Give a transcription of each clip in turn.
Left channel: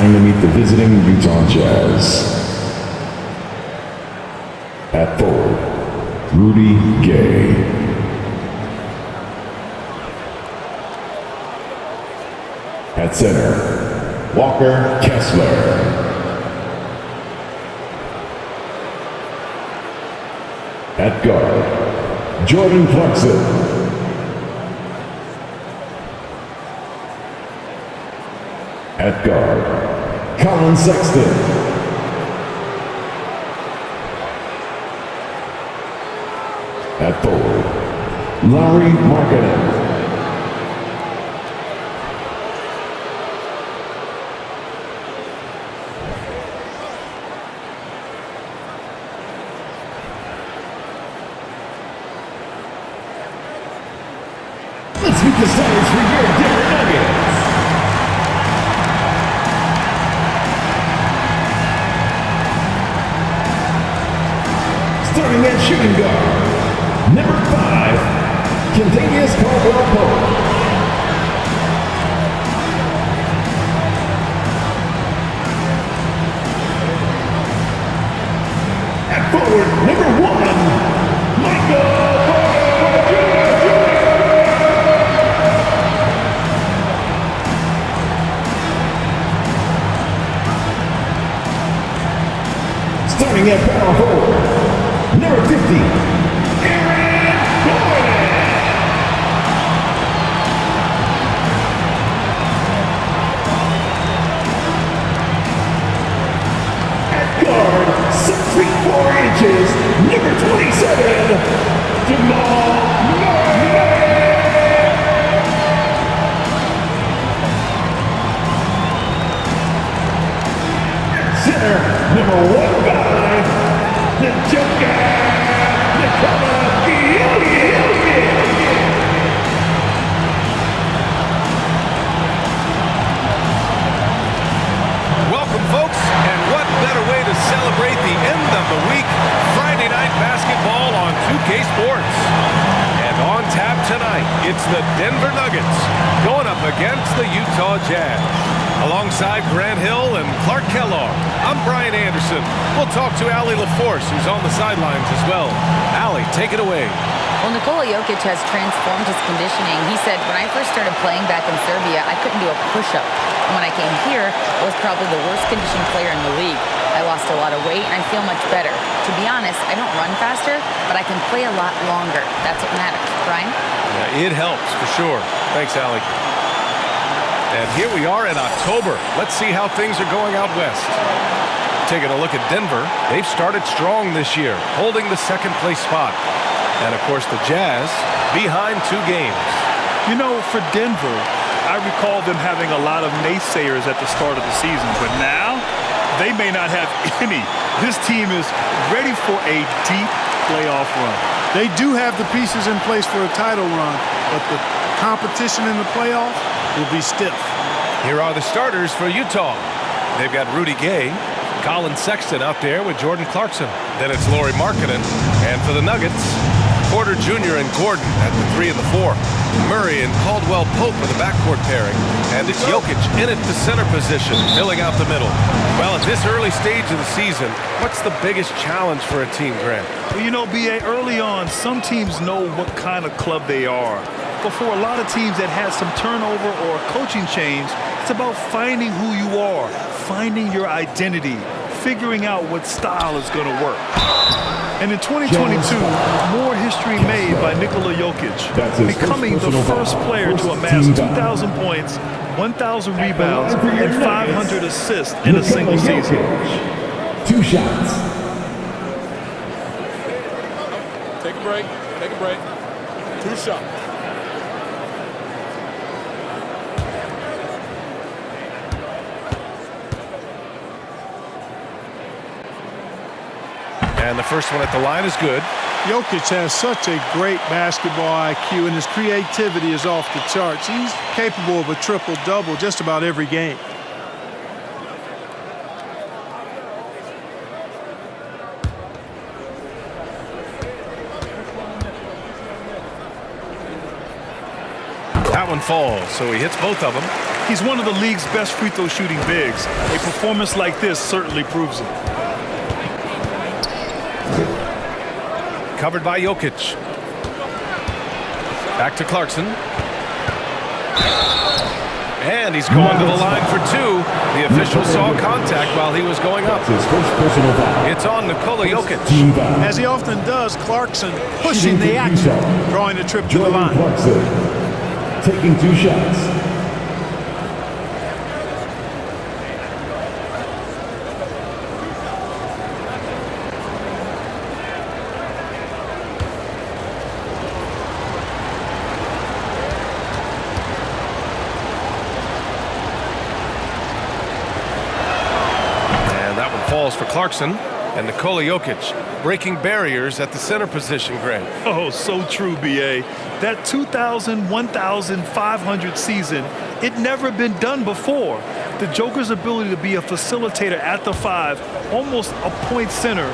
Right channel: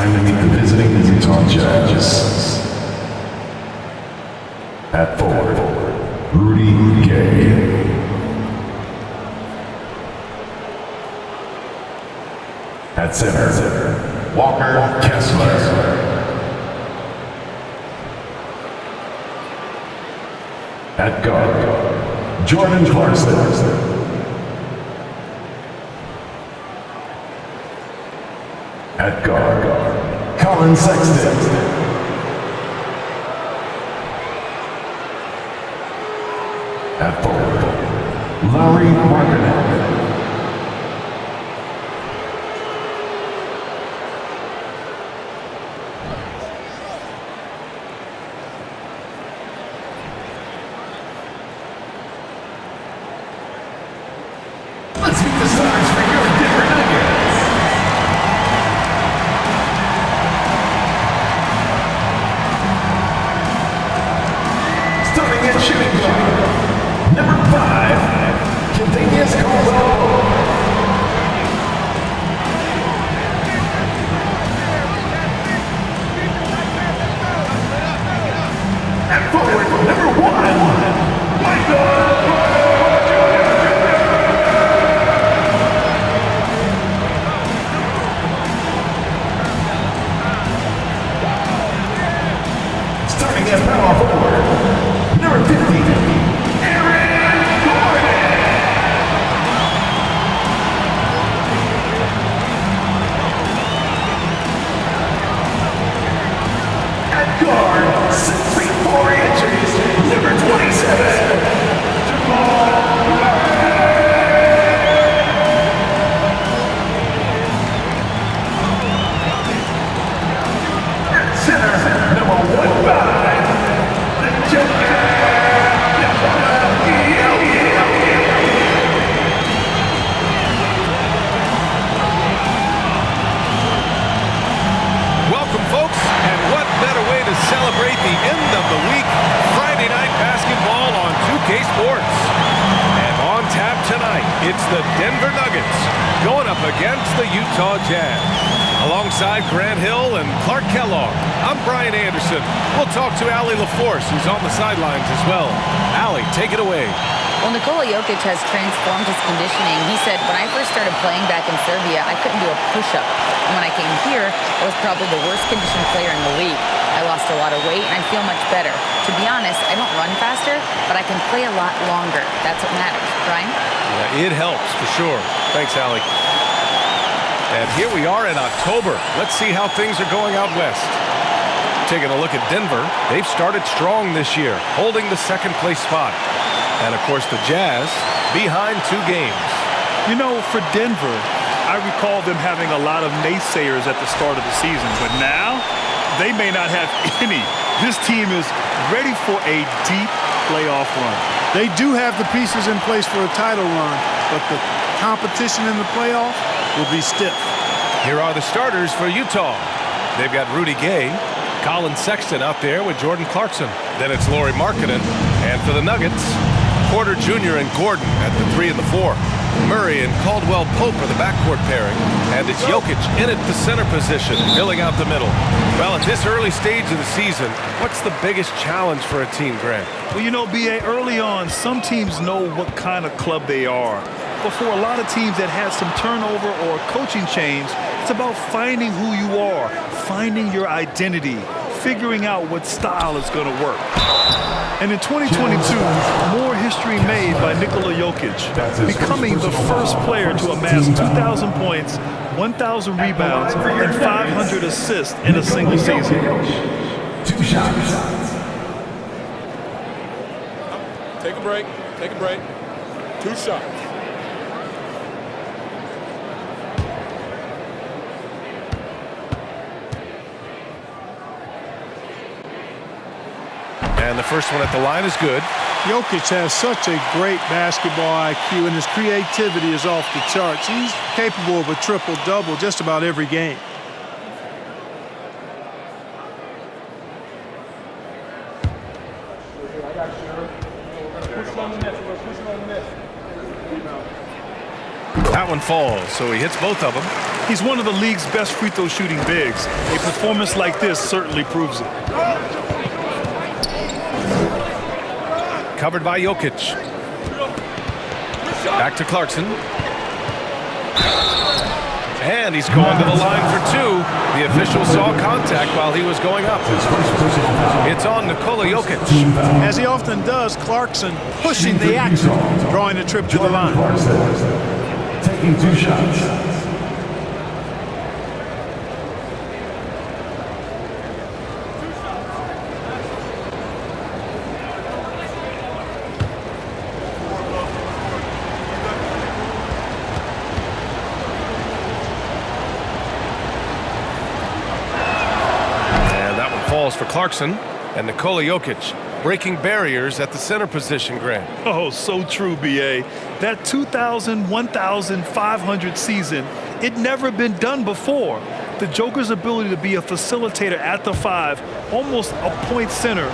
time to meet the visiting Utah Jazz. At forward, Rudy Gay. At center, Walker Kessler. At guard, Jordan Clarkson. At guard, Colin Sexton. At forward, Larry Markkinen. Let's meet the starters for your Denver Nuggets. Starting at shooting guard, number 5, Kentavious Caldwell-Pope. At forward, number 1, Michael Porter Jr. Starting at power forward, number 50, Aaron Gordon. At guard, 6 feet 4 inches, number 27, Jamal Murray. At center, number 15, the Joker, Nikola Jokic. Welcome, folks, and what better way to celebrate the end of the week? Friday night basketball on 2K Sports. And on tap tonight, it's the Denver Nuggets going up against the Utah Jazz. Alongside Grant Hill and Clark Kellogg, I'm Brian Anderson. We'll talk to Allie LaForce, who's on the sidelines as well. Allie, take it away. Well, Nikola Jokic has transformed his conditioning. He said, when I first started playing back in Serbia, I couldn't do a push-up. And when I came here, I was probably the worst conditioned player in the league. I lost a lot of weight, and I feel much better. To be honest, I don't run faster, but I can play a lot longer. That's what matters. Brian? Yeah, it helps, for sure. Thanks, Allie. And here we are in October. Let's see how things are going out west. Taking a look at Denver, they've started strong this year, holding the second-place spot. And, of course, the Jazz behind 2 games. You know, for Denver, I recall them having a lot of naysayers at the start of the season. But now, they may not have any. This team is ready for a deep playoff run. They do have the pieces in place for a title run, but the competition in the playoffs will be stiff. Here are the starters for Utah. They've got Rudy Gay, Colin Sexton out there with Jordan Clarkson. Then it's Lauri Markkinen. And for the Nuggets, Porter Jr. and Gordon at the 3 and the 4. Murray and Caldwell-Pope are the backcourt pairing. And it's Jokic in at the center position, filling out the middle. Well, at this early stage of the season, what's the biggest challenge for a team, Grant? Well, you know, B.A., early on, some teams know what kind of club they are. But for a lot of teams that had some turnover or a coaching change, it's about finding who you are, finding your identity, figuring out what style is going to work. And in 2022, more history made by Nikola Jokic, becoming the first player to amass 2,000 points, 1,000 rebounds, and 500 assists in a single season. 2 shots. Take a break. Take a break. 2 shots. And the first one at the line is good. Jokic has such a great basketball IQ, and his creativity is off the charts. He's capable of a triple-double just about every game. That one falls, so he hits both of them. He's one of the league's best free throw shooting bigs. A performance like this certainly proves it. Covered by Jokic. Back to Clarkson. And he's going to the line for two. The official saw contact while he was going up. His first personal foul. It's on Nikola Jokic. Team foul. As he often does, Clarkson pushing the action, drawing a trip to the line. Clarkson taking 2 shots. Falls for Clarkson, and Nikola Jokic breaking barriers at the center position, Grant. Oh, so true, B.A. That 2,000-1,500 season, it never been done before. The Joker's ability to be a facilitator at the 5, almost a point center,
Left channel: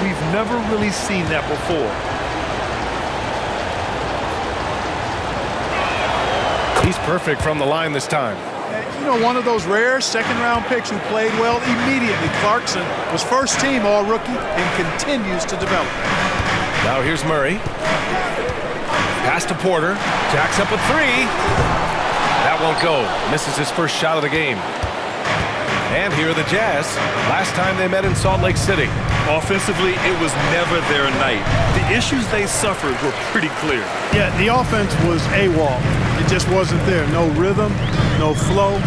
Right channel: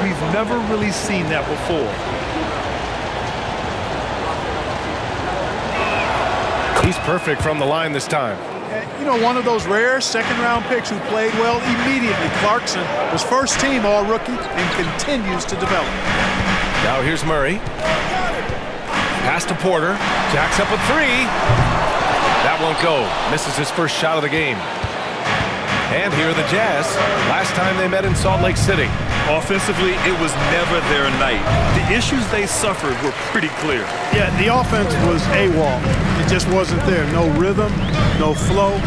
we've never really seen that before. He's perfect from the line this time. You know, one of those rare second-round picks who played well immediately. Clarkson was first-team All-Rookie and continues to develop. Now here's Murray. Pass to Porter. Jacks up with 3. That won't go. Misses his first shot of the game. And here are the Jazz. Last time they met in Salt Lake City. Offensively, it was never their night. The issues they suffered were pretty clear. Yeah, the offense was AWOL. It just wasn't there. No rhythm, no flow,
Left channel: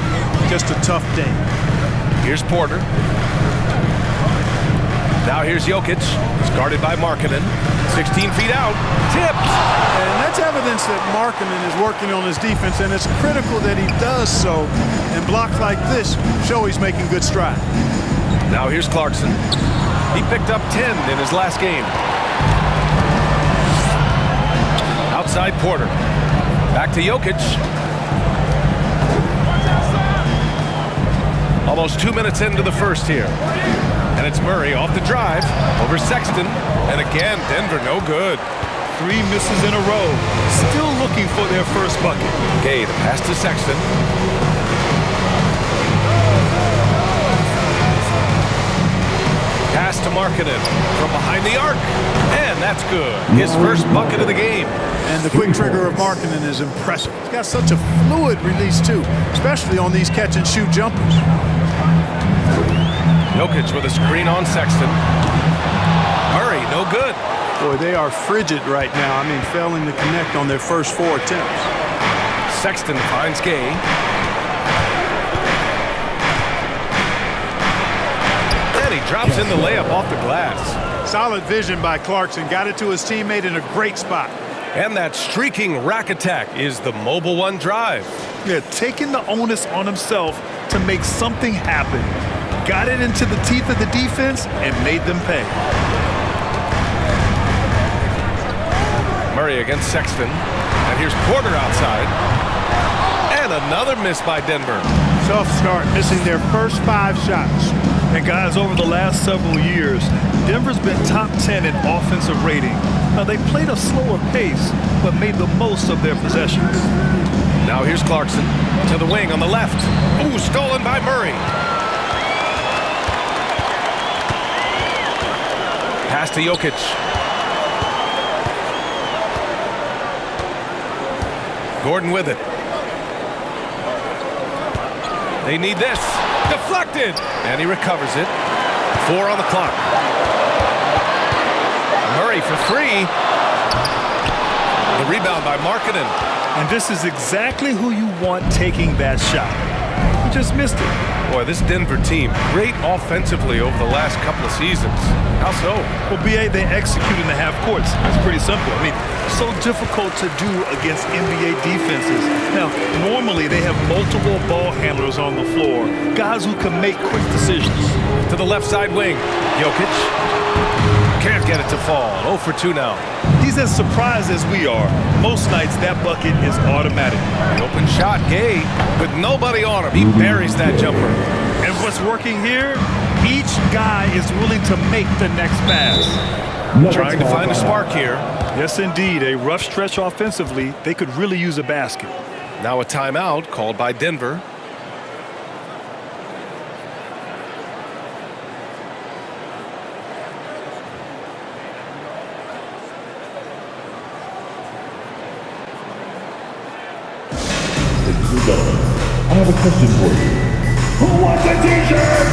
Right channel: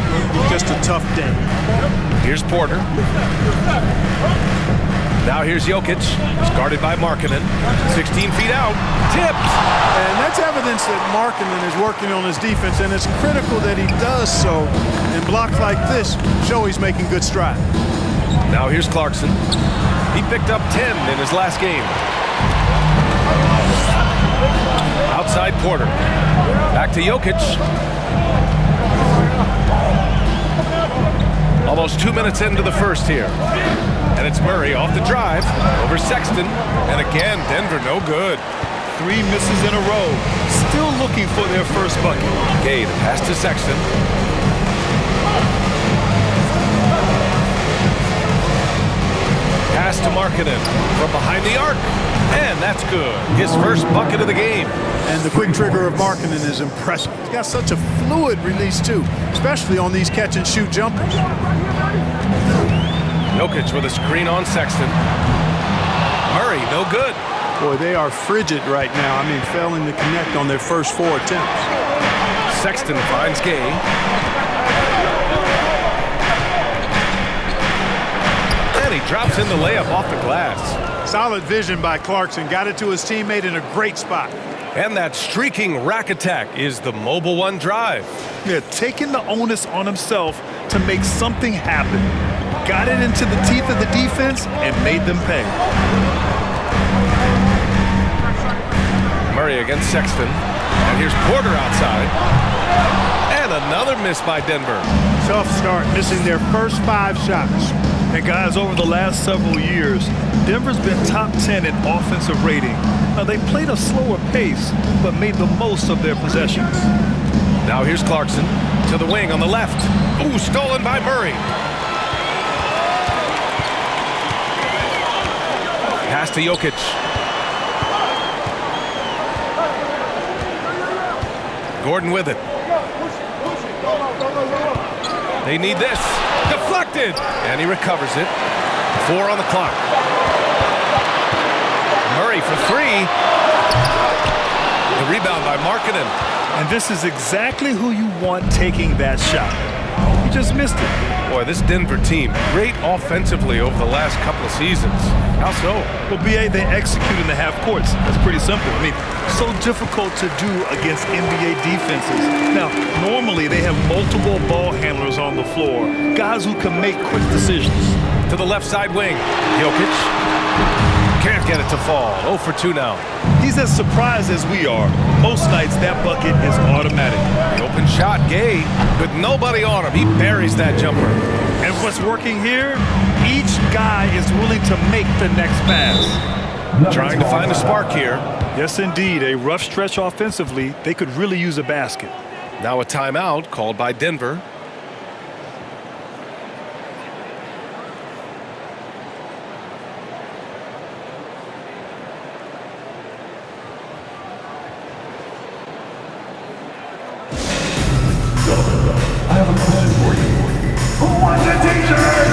just a tough day. Here's Porter. Now here's Jokic. He's guarded by Markkanen. 16 feet out. Tipped. And that's evidence that Markkanen is working on his defense, and it's critical that he does so. And blocks like this show he's making good stride. Now here's Clarkson. He picked up 10 in his last game. Outside Porter. Back to Jokic. Almost 2 minutes into the first here. And it's Murray off the drive over Sexton. And again, Denver no good. 3 misses in a row. Still looking for their first bucket. Gay, the pass to Sexton. Pass to Markkanen from behind the arc. And that's good. His first bucket of the game. And the quick trigger of Markkanen is impressive. He's got such a fluid release, too, especially on these catch-and-shoot jumpers. Jokic with a screen on Sexton. Murray, no good. Boy, they are frigid right now. I mean, failing to connect on their first 4 attempts. Sexton finds Gay. And he drops in the layup off the glass. Solid vision by Clarkson. Got it to his teammate in a great spot. And that streaking rack attack is the Mobile One drive. Yeah, taking the onus on himself to make something happen. Got it into the teeth of the defense and made them pay. Murray against Sexton. And here's Porter outside. And another miss by Denver. Tough start, missing their first 5 shots. And guys, over the last several years, Denver's been top 10 in offensive rating. Now, they played a slower pace, but made the most of their possessions. Now here's Clarkson to the wing on the left. Ooh, stolen by Murray. Pass to Jokic. Gordon with it. They need this. Deflected. And he recovers it. 4 on the clock. Murray for 3. The rebound by Markkanen. And this is exactly who you want taking that shot. He just missed it. Boy, this Denver team, great offensively over the last couple of seasons. How so? Well, B.A., they execute in the half courts. That's pretty simple. I mean, so difficult to do against NBA defenses. Now, normally they have multiple ball handlers on the floor, guys who can make quick decisions. To the left side wing, Jokic. Can't get it to fall. 0 for 2 now. He's as surprised as we are. Most nights, that bucket is automatic. The open shot, Gay, with nobody on him. He buries that jumper. And what's working here? Each guy is willing to make the next pass. Trying to find a spark here. Yes, indeed. A rough stretch offensively. They could really use a basket. Now a timeout called by Denver. Ladies and gentlemen, I have a question for you. Who wants a t-shirt?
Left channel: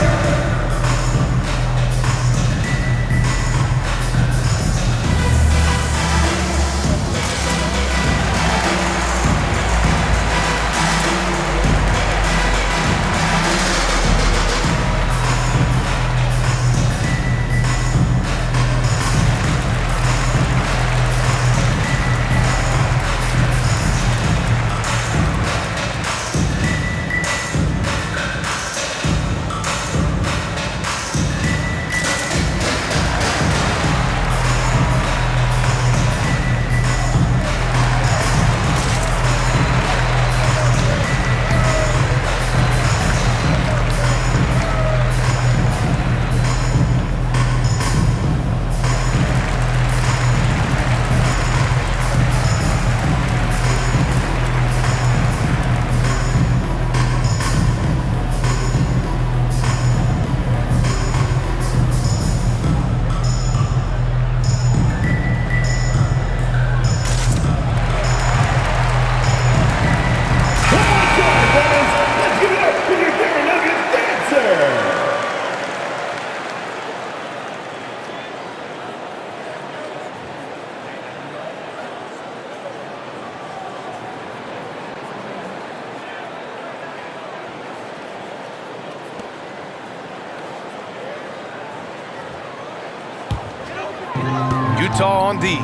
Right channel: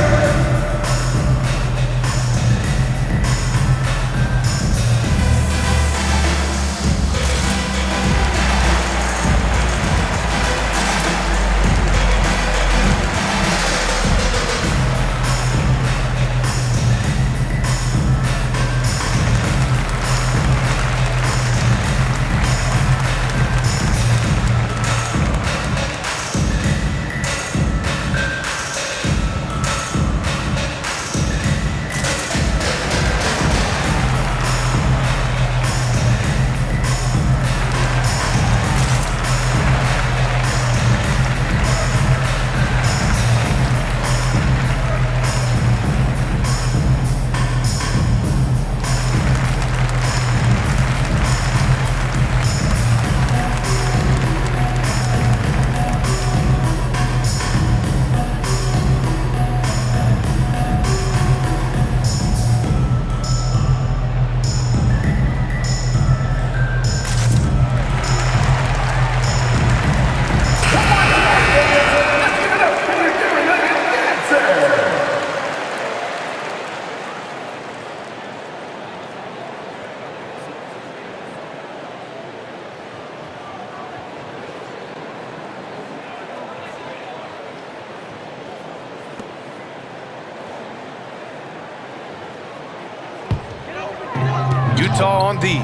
Utah on D.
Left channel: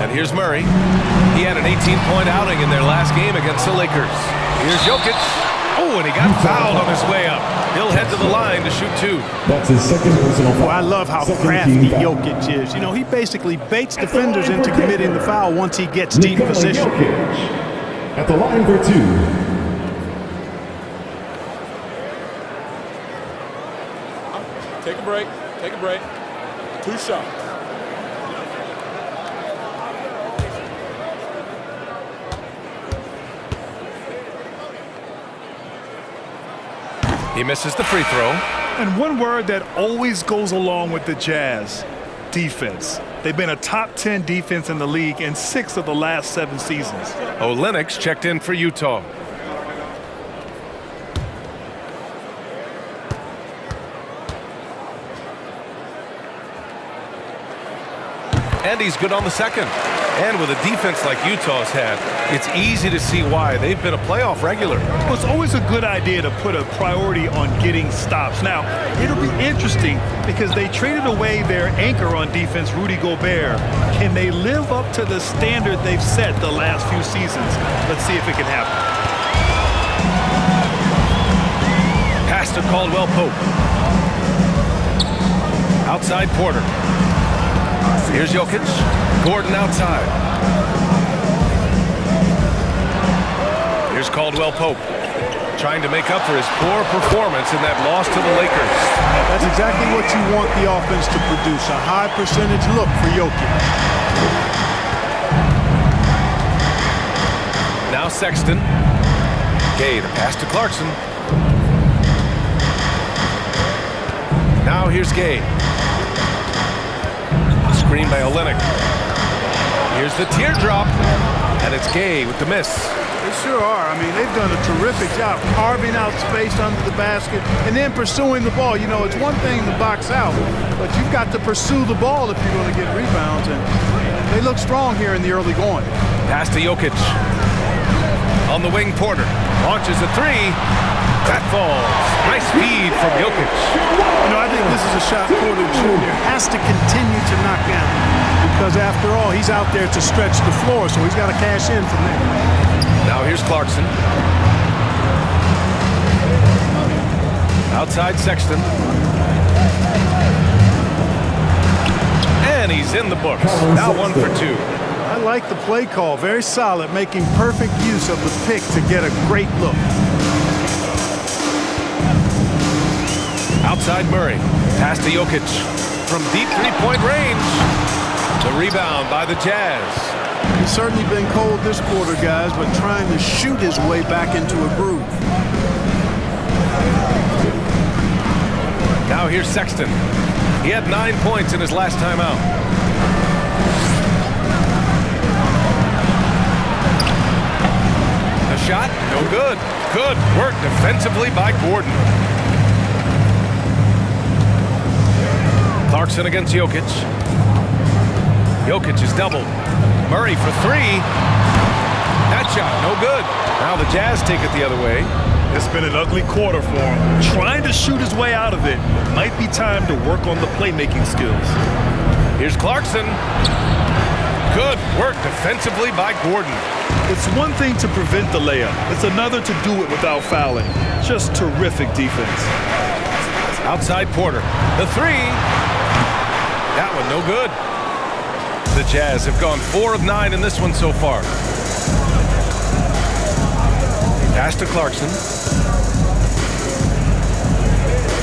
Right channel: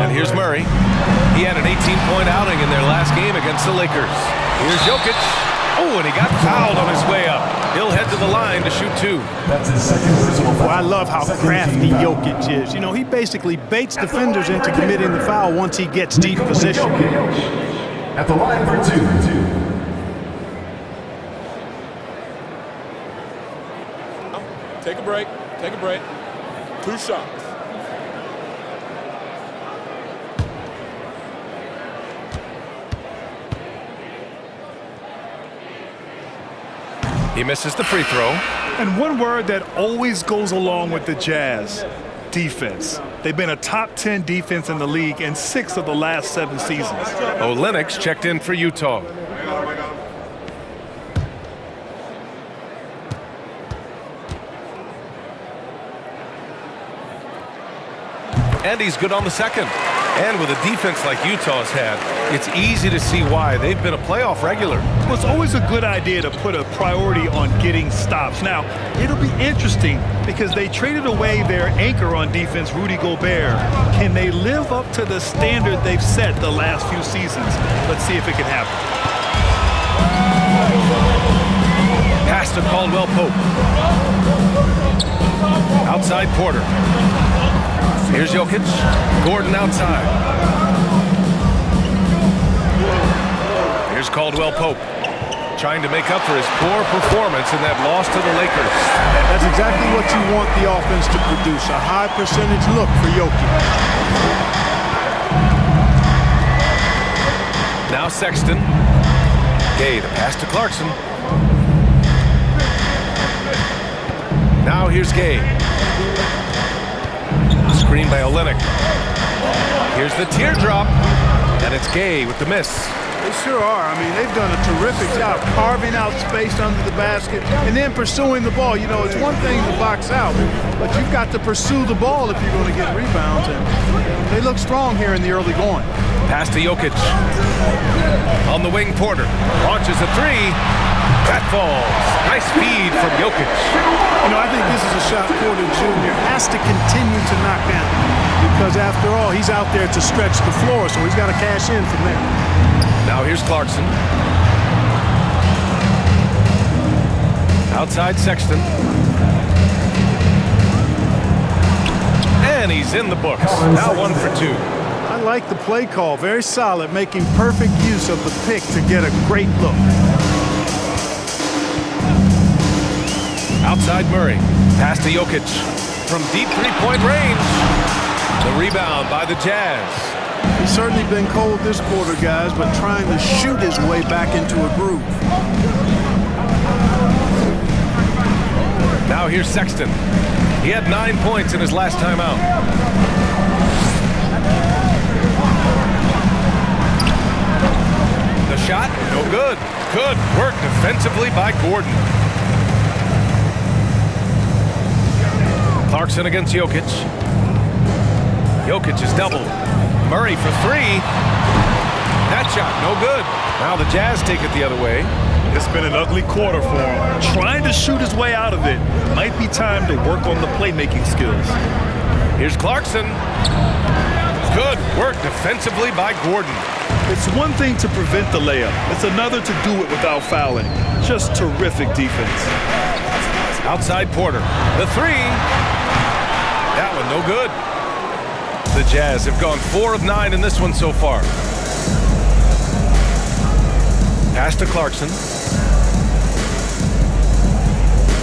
And here's Murray. He had an 18-point outing in their last game against the Lakers. Here's Jokic. Oh, and he got fouled on his way up. He'll head to the line to shoot 2. That's his second personal foul. Well, I love how Second crafty team foul. Jokic is. You know, he basically baits defenders into committing the foul once he gets deep Nikola position. Jokic at the line for 2. Take a break. Take a break. 2 shots. He misses the free throw. And one word that always goes along with the Jazz, defense. They've been a top 10 defense in the league in 6 of the last 7 seasons. Olenek checked in for Utah. And he's good on the second. And with a defense like Utah's had, it's easy to see why they've been a playoff regular. Well, it's always a good idea to put a priority on getting stops. Now, it'll be interesting because they traded away their anchor on defense, Rudy Gobert. Can they live up to the standard they've set the last few seasons? Let's see if it can happen. Pass to Caldwell Pope. Outside Porter. Here's Jokic. Gordon outside. Here's Caldwell Pope. Trying to make up for his poor performance in that loss to the Lakers. That's exactly what you want the offense to produce, a high percentage look for Jokic. Now Sexton. Gay to pass to Clarkson. Now here's Gay. Screen by Olenek. Here's the teardrop, and it's Gay with the miss. They sure are. I mean, they've done a terrific job carving out space under the basket and then pursuing the ball. You know, it's one thing to box out, but you've got to pursue the ball if you're going to get rebounds, and they look strong here in the early going. Pass to Jokic. On the wing, Porter launches a 3. That falls. Nice feed from Jokic. You know, I think this is a shot Porter Jr. has to continue to knock down because, after all, he's out there to stretch the floor, so he's got to cash in from there. Now here's Clarkson. Outside Sexton. And he's in the books. Now 1 for 2. I like the play call. Very solid, making perfect use of the pick to get a great look. Outside Murray. Pass to Jokic. From deep three-point range. The rebound by the Jazz. He's certainly been cold this quarter, guys, but trying to shoot his way back into a groove. Now here's Sexton. He had 9 points in his last time out. The shot, no good. Good work defensively by Gordon. Clarkson against Jokic. Jokic is doubled. Murray for three. That shot, no good. Now the Jazz take it the other way. It's been an ugly quarter for him. Trying to shoot his way out of it. Might be time to work on the playmaking skills. Here's Clarkson. Good work defensively by Gordon. It's one thing to prevent the layup. It's another to do it without fouling. Just terrific defense. Outside Porter. The three. That one no good. The Jazz have gone 4 of 9 in this one so far. Pass to Clarkson.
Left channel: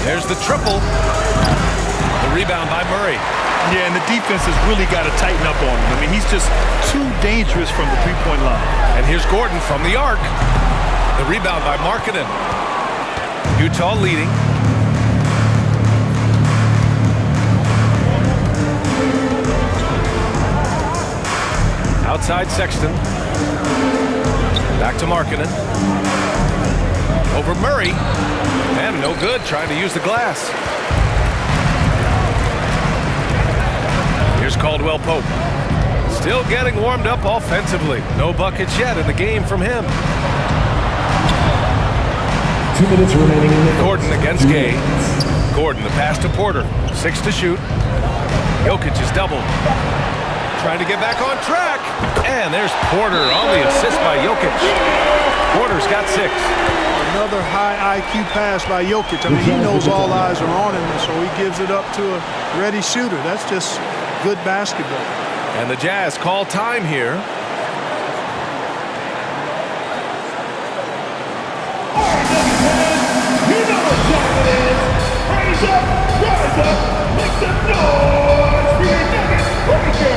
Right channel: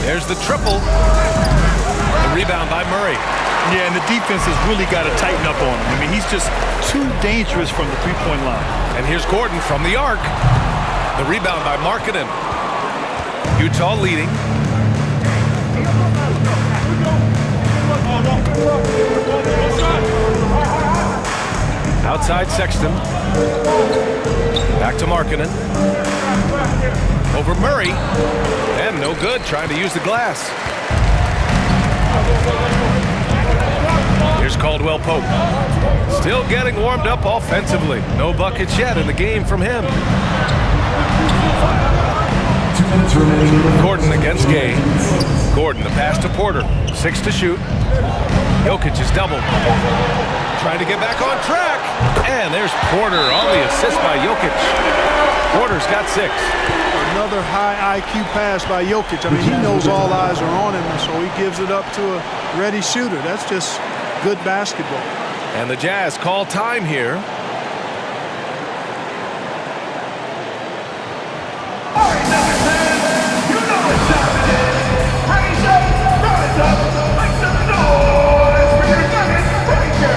There's the triple. The rebound by Murray. Yeah, and the defense has really got to tighten up on him. I mean, he's just too dangerous from the three-point line. And here's Gordon from the arc. The rebound by Markkanen. Utah leading. Outside Sexton. Back to Markkanen. Over Murray. And no good, trying to use the glass. Here's Caldwell Pope. Still getting warmed up offensively. No buckets yet in the game from him. 2 minutes remaining. Gordon against Gay. Gordon, the pass to Porter. 6 to shoot. Jokic is doubled. Trying to get back on track. And there's Porter on the assist by Jokic. Porter's got 6. Another high IQ pass by Jokic. I mean, he knows all eyes are on him, and so he gives it up to a ready shooter. That's just good basketball. And the Jazz call time here. All right, Nuggets fans, you know what time it is. Raise up, rise up, make some noise for your Nuggets breaker.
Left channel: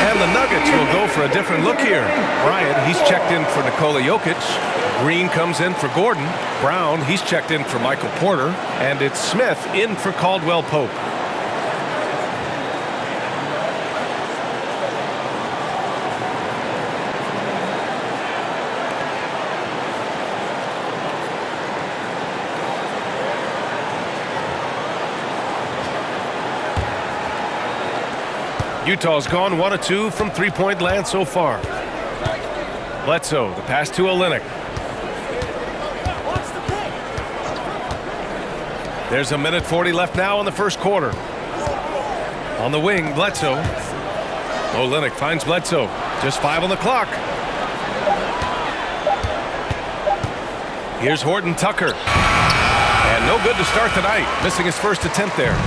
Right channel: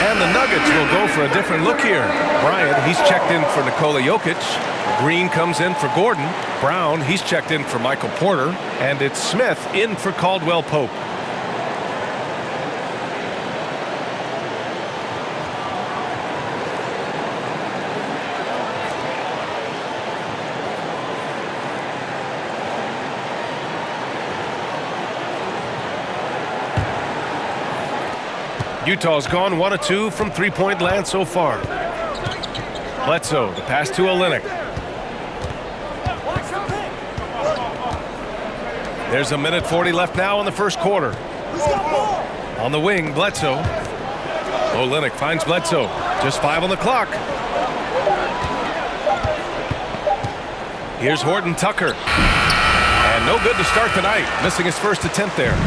And the Nuggets will go for a different look here. Bryant, he's checked in for Nikola Jokic. Green comes in for Gordon. Brown, he's checked in for Michael Porter. And it's Smith in for Caldwell Pope. Utah's gone 1 of 2 from three-point land so far. Bledsoe, the pass to Olynyk. There's 1:40 left now in the first quarter. On the wing, Bledsoe. Olynyk finds Bledsoe. Just 5 on the clock. Here's Horton Tucker. And no good to start the night, missing his first attempt there.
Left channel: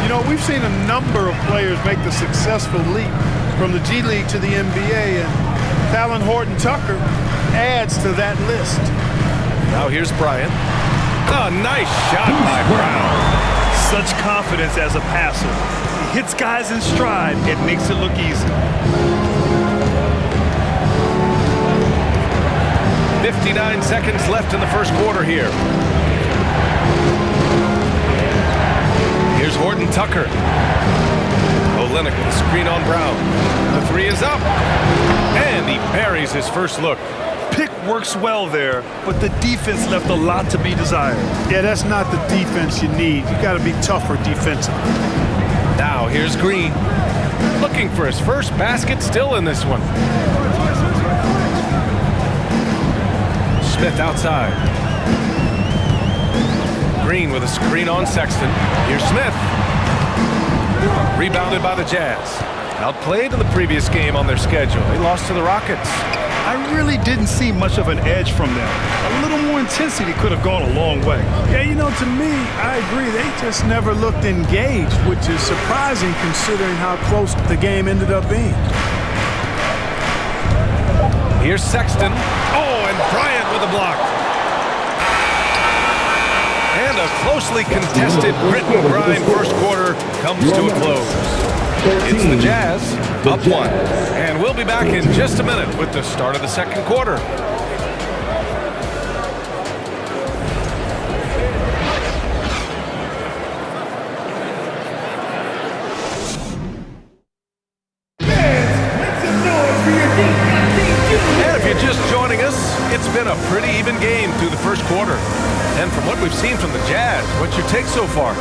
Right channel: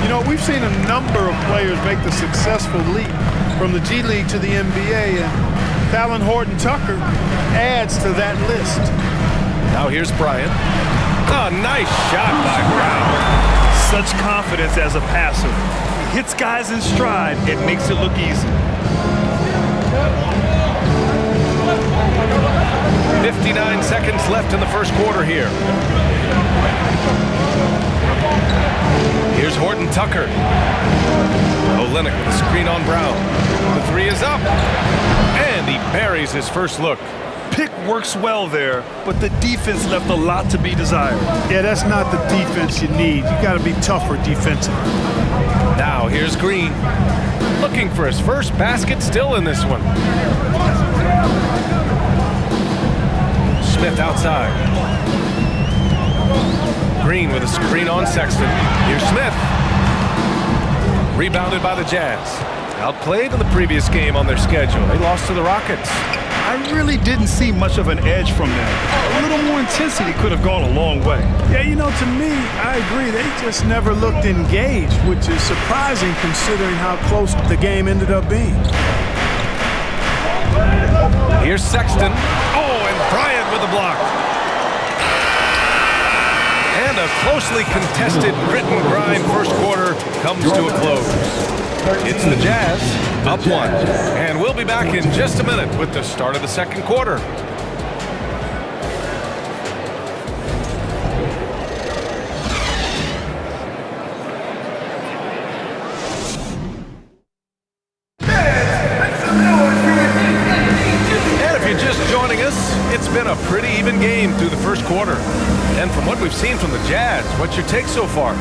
You know, we've seen a number of players make the successful leap from the G League to the NBA, and Talon Horton Tucker adds to that list. Now here's Bryant. A nice shot by Brown. Such confidence as a passer. He hits guys in stride. It makes it look easy. 59 seconds left in the first quarter here. Here's Horton Tucker. Olenek with a screen on Brown. The three is up. And he buries his first look. Pick works well there, but the defense left a lot to be desired. Yeah, that's not the defense you need. You got to be tougher defensively. Now here's Green. Looking for his first basket still in this one. Smith outside. Green with a screen on Sexton. Here's Smith. Rebounded by the Jazz. Outplayed in the previous game on their schedule. They lost to the Rockets. I really didn't see much of an edge from them. A little more intensity could have gone a long way. Yeah, you know, to me, I agree. They just never looked engaged, which is surprising considering how close the game ended up being. Here's Sexton. Oh, and Bryant with a block. And a closely contested grit and grind first quarter comes to a close. It's the Jazz up one. And we'll be back in just a minute with the start of the second quarter. And if you're just joining us, it's been a pretty even game through the first quarter. And from what we've seen from the Jazz, what's your take so far?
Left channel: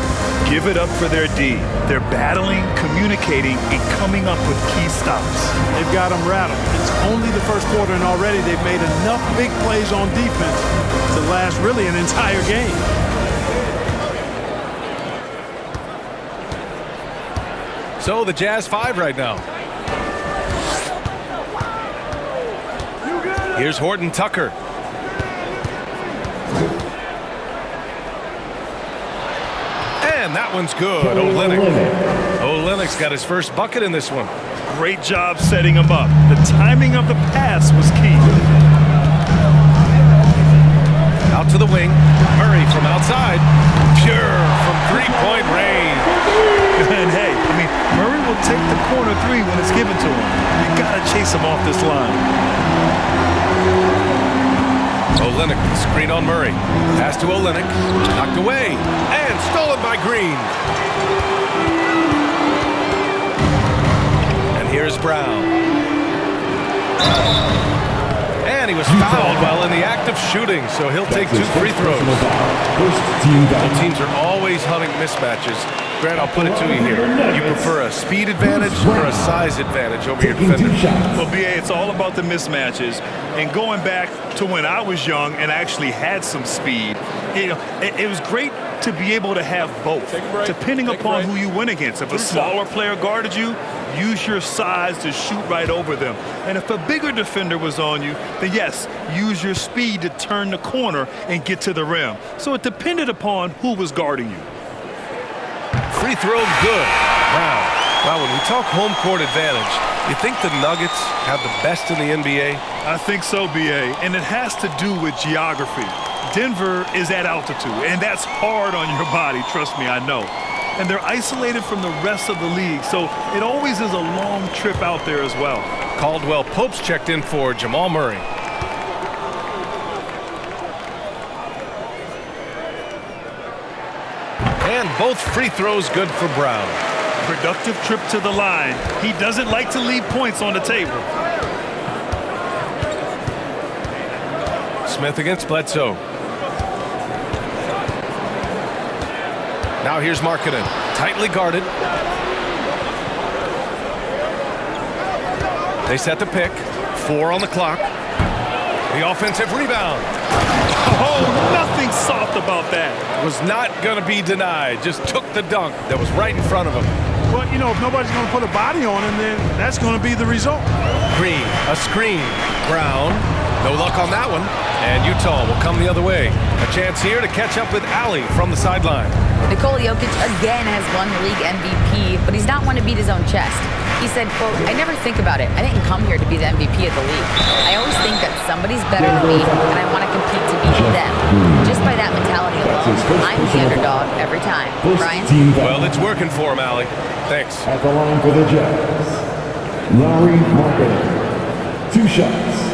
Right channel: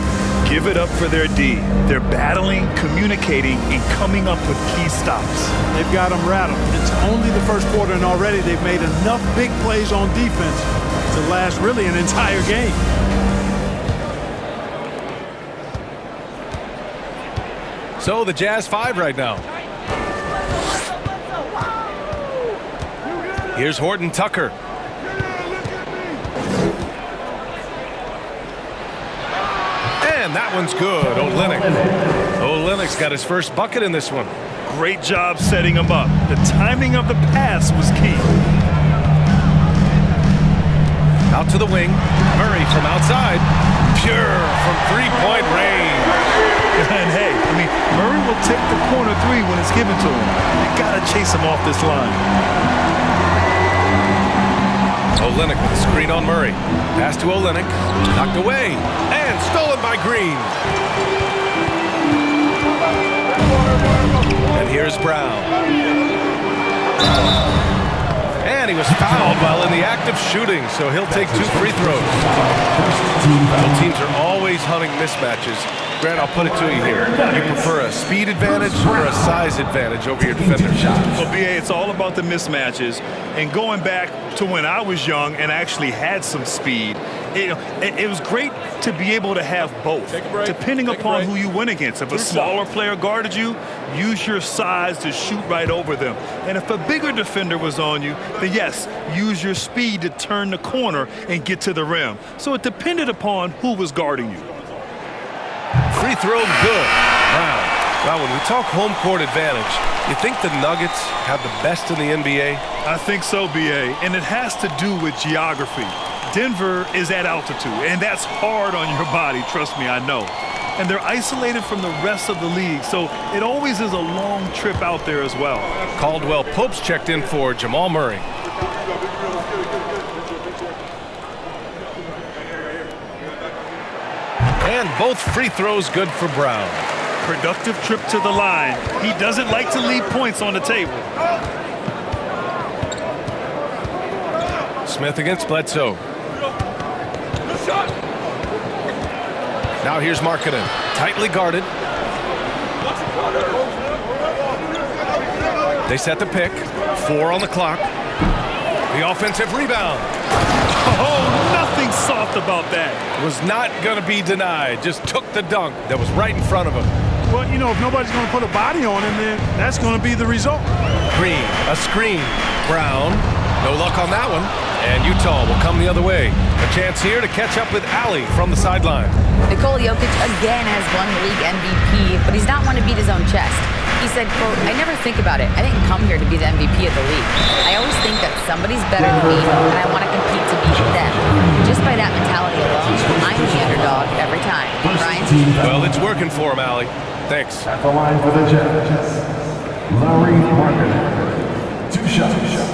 Give it up for their D. They're battling, communicating, and coming up with key stops. They've got them rattled. It's only the first quarter, and already they've made enough big plays on defense to last really an entire game. So the Jazz 5 right now. Here's Horton Tucker. And that one's good. Olenek's got his first bucket in this one. Great job setting him up. The timing of the pass was key. Out to the wing. Murray from outside. Pure from three-point range. And hey, I mean, Murray will take the corner three when it's given to him. You got to chase him off this line. Olenek with a screen on Murray. Pass to Olenek. Knocked away. And stolen by Green. And here's Brown. And he was fouled while in the act of shooting, so he'll take 2 free throws. Both teams are always hunting mismatches. Grant, I'll put it to you here. You prefer a speed advantage or a size advantage over your defender? Well, BA, it's all about the mismatches. And going back to when I was young and actually had some speed, it was great to be able to have both, depending upon who you win against. If a smaller player guarded you, use your size to shoot right over them. And if a bigger defender was on you, then yes, use your speed to turn the corner and get to the rim. So it depended upon who was guarding you. Free throw good. Brown. Well, when we talk home court advantage, you think the Nuggets have the best in the NBA? I think so, BA, and it has to do with geography. Denver is at altitude, and that's hard on your body, trust me, I know. And they're isolated from the rest of the league, so it always is a long trip out there as well. Caldwell Pope's checked in for Jamal Murray. And both free throws good for Brown. Productive trip to the line. He doesn't like to leave points on the table. Smith against Bledsoe. Now here's Markkanen. Tightly guarded. They set the pick. 4 on the clock. The offensive rebound. Oh, nothing soft about that. Was not going to be denied. Just took the dunk that was right in front of him. Well, you know, if nobody's going to put a body on him, then that's going to be the result. Green, a screen. Brown, no luck on that one. And Utah will come the other way. A chance here to catch up with Allie from the sideline. Nikola Jokic again has won the league MVP, but he's not one to beat his own chest. He said, quote, "I never think about it. I didn't come here to be the MVP of the league. I always think that somebody's better than me, and I want to compete to beat them. Just by that mentality alone, I'm the underdog every time." Brian? Well, it's working for him, Allie. Thanks. At the line for the Jazz, Larry Markkanen. 2 shots.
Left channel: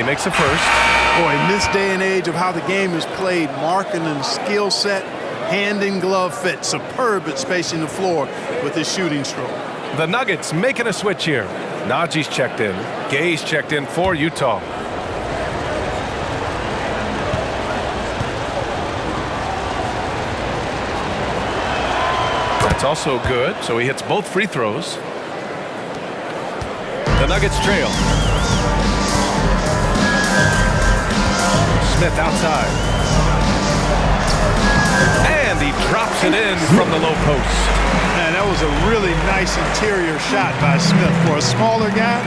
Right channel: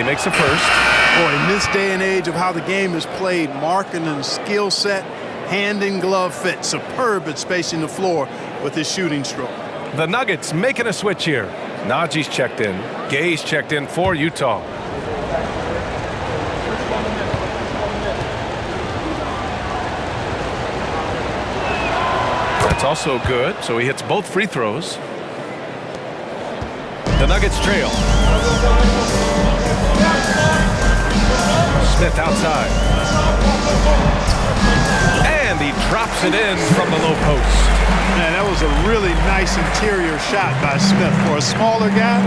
he makes the first. Boy, in this day and age of how the game is played, Markkanen's skill set, hand and glove fit, superb at spacing the floor with his shooting stroke. The Nuggets making a switch here. Najee's checked in. Gay's checked in for Utah. That's also good, so he hits both free throws. The Nuggets trail. Smith outside. And he drops it in from the low post. Man, that was a really nice interior shot by Smith. For a smaller guy,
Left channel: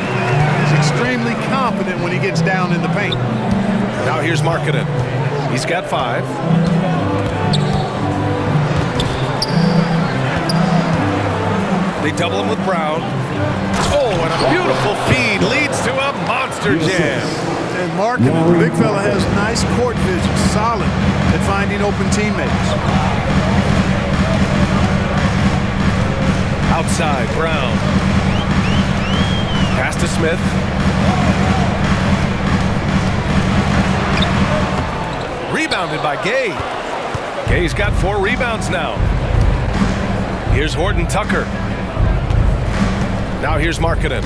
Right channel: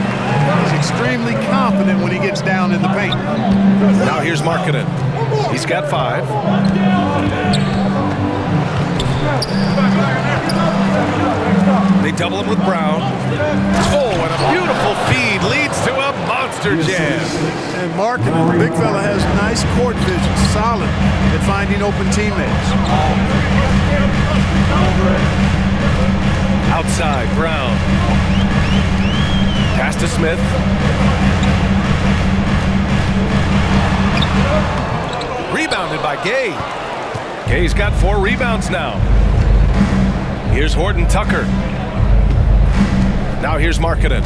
he's extremely confident when he gets down in the paint. Now here's Markkanen. He's got 5. They double him with Brown. Oh, and a beautiful feed leads to a monster jam. And Markkanen, the big fella, has nice court vision, solid at finding open teammates. Outside, Brown. Pass to Smith. Rebounded by Gay. Gay's got 4 rebounds now. Here's Horton Tucker. Now here's Markkanen.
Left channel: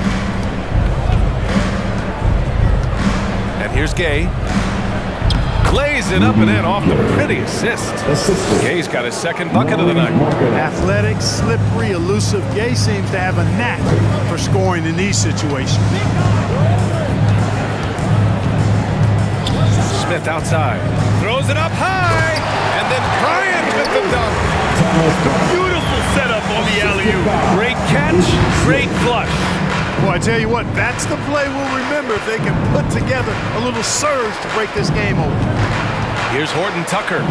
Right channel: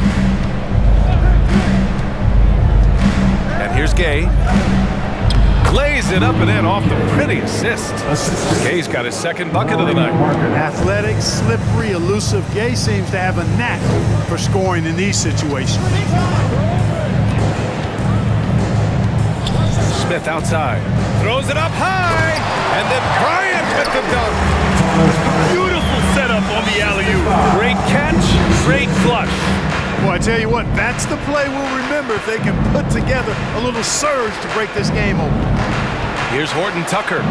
And here's Gay. Lays it up and in off the pretty assist. Gay's got his second bucket of the night. Athletic, slippery, elusive. Gay seems to have a knack for scoring in these situations. Smith outside. Throws it up high. And then Bryant with the dunk. Beautiful setup on the alley-oop. Great catch, great flush. Well, I tell you what, that's the play we'll remember if they can put together a little surge to break this game open. Here's Horton Tucker.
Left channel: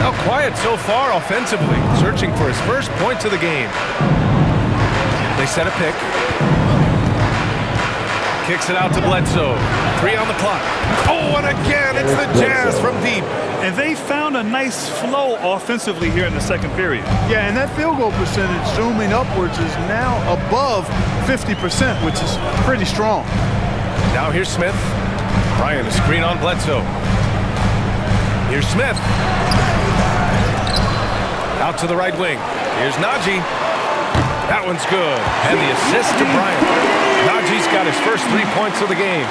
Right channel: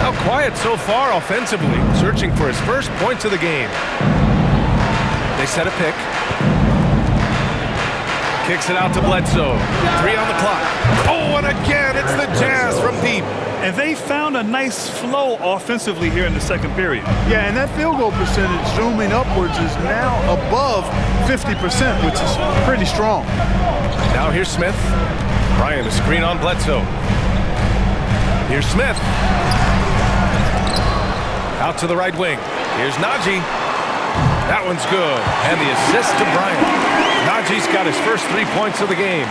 Now quiet so far offensively, searching for his first points of the game. They set a pick. Kicks it out to Bledsoe. 3 on the clock. Oh, and again, it's the Jazz from deep. And they found a nice flow offensively here in the second period. Yeah, and that field goal percentage zooming upwards is now above 50%, which is pretty strong. Now here's Smith. Bryant a screen on Bledsoe. Here's Smith. Out to the right wing. Here's Najee. That one's good. And the assist to Bryant. Najee's got his first 3 points of the game.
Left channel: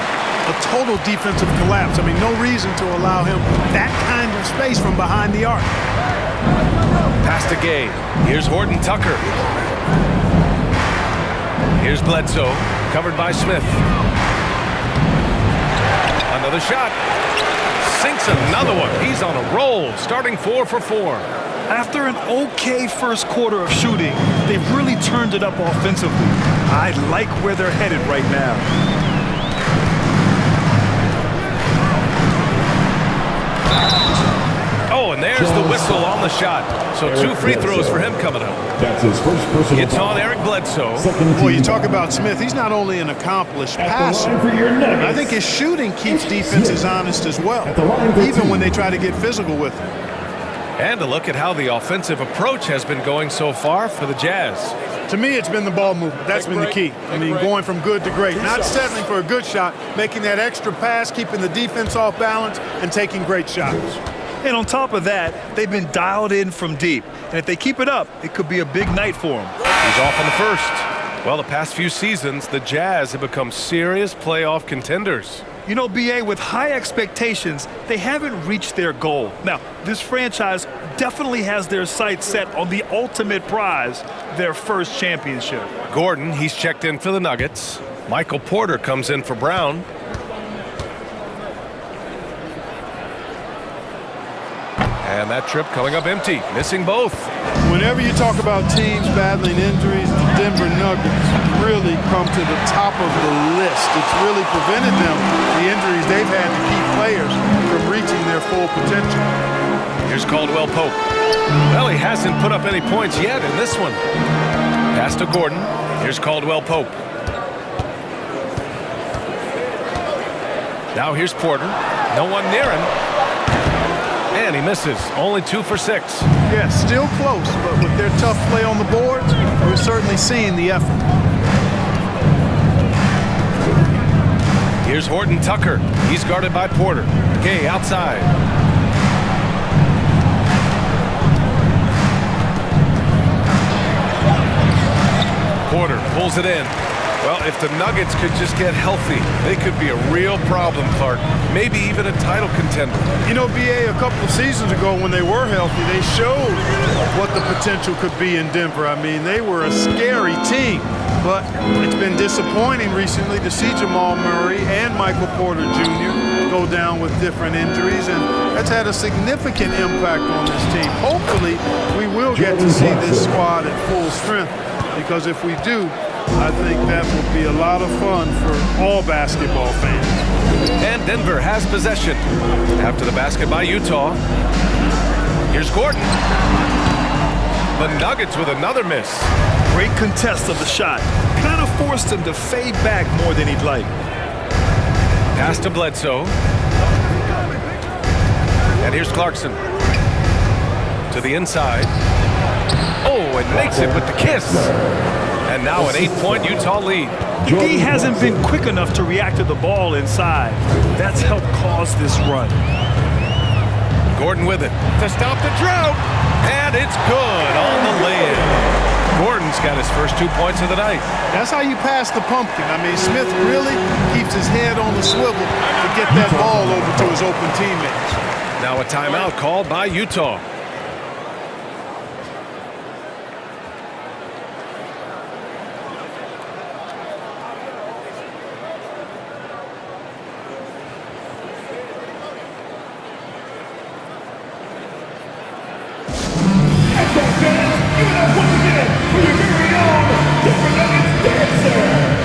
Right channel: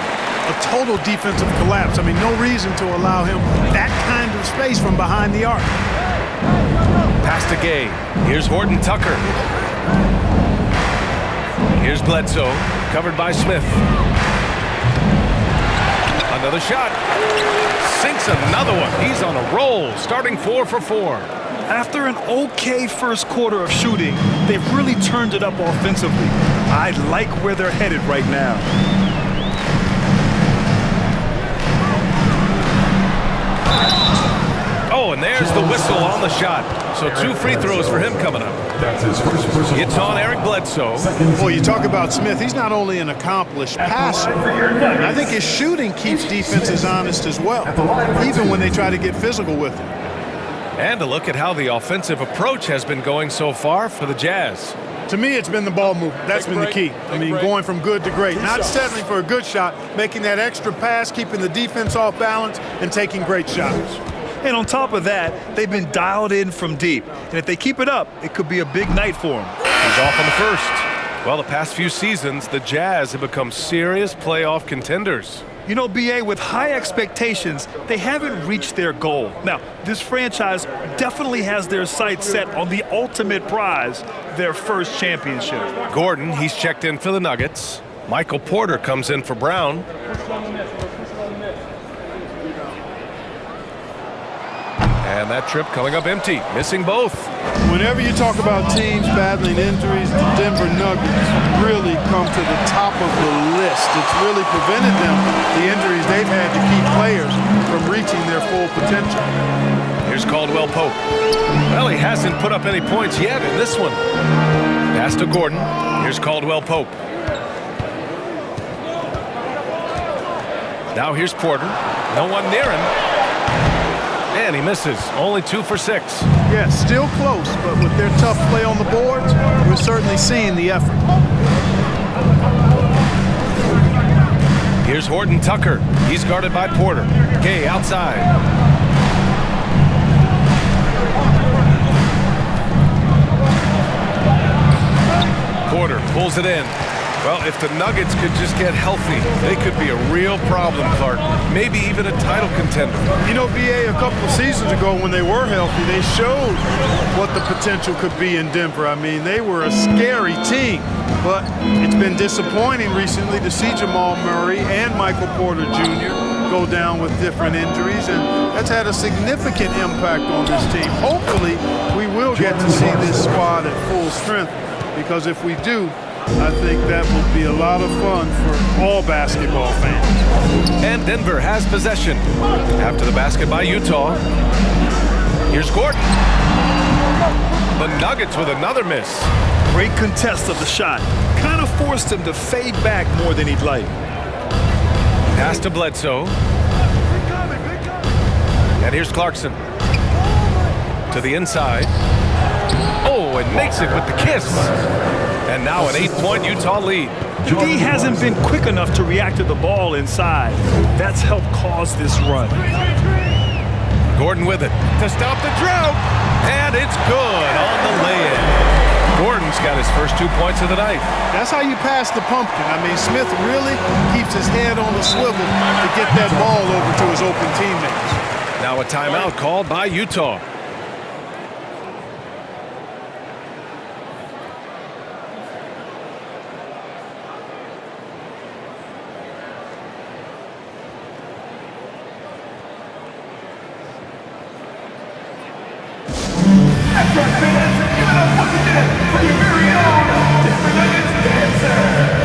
A total defensive collapse. I mean, no reason to allow him that kind of space from behind the arc. Pass to Gay. Here's Horton Tucker. Here's Bledsoe, covered by Smith. Another shot. Sinks another one. He's on a roll, starting 4 for 4. After an okay first quarter of shooting, they've really turned it up offensively. I like where they're headed right now. Oh, and there's the whistle on the shot. So 2 free throws for him coming up. That's his first personal. It's on Eric Bledsoe. Boy, you talk about Smith. He's not only an accomplished passer, but I think his shooting keeps defenses honest as well, even when they try to get physical with him. And a look at how the offensive approach has been going so far for the Jazz. To me, it's been the ball movement. That's been the key. I mean, going from good to great. Not settling for a good shot, making that extra pass, keeping the defense off balance, and taking great shots. And on top of that, they've been dialed in from deep. And if they keep it up, it could be a big night for them. He's off on the first. Well, the past few seasons, the Jazz have become serious playoff contenders. You know, B.A., with high expectations, they haven't reached their goal. Now, this franchise definitely has their sights set on the ultimate prize, their first championship. Gordon, he's checked in for the Nuggets. Michael Porter comes in for Brown. And that trip coming up empty, missing both. Whenever you talk about teams battling injuries, the Denver Nuggets really come to the top of the list. It's really prevented them, the injuries they've had to keep players from reaching their full potential. Here's Caldwell Pope. Well, he hasn't put up any points yet in this one. Pass to Gordon. Here's Caldwell Pope. Now here's Porter. No one near him. And he misses. Only 2 for 6. Yeah, still close, but with their tough play on the boards, we're certainly seeing the effort. Here's Horton Tucker. He's guarded by Porter. Gay outside. Porter pulls it in. Well, if the Nuggets could just get healthy, they could be a real problem, Clark. Maybe even a title contender. You know, BA, a couple of seasons ago when they were healthy, they showed what the potential could be in Denver. I mean, they were a scary team, but it's been disappointing recently to see Jamal Murray and Michael Porter Jr. go down with different injuries, and that's had a significant impact on this team. Hopefully, we will get to see this squad at full strength, because if we do, I think that will be a lot of fun for all basketball fans. And Denver has possession. After the basket by Utah. Here's Gordon. The Nuggets with another miss. Great contest of the shot. Kind of forced him to fade back more than he'd like. Pass to Bledsoe. And here's Clarkson. To the inside. Oh, and makes it with the kiss. And now an 8-point Utah lead. The D hasn't been quick enough to react to the ball inside. That's helped cause this run. Gordon with it to stop the drought. And it's good on the lay-in. Gordon's got his first 2 points of the night. That's how you pass the pumpkin. I mean, Smith really keeps his head on the swivel to get that ball over to his open teammates. Now a timeout called by Utah. Fans, give it up once again for your very own Denver Nuggets dancer.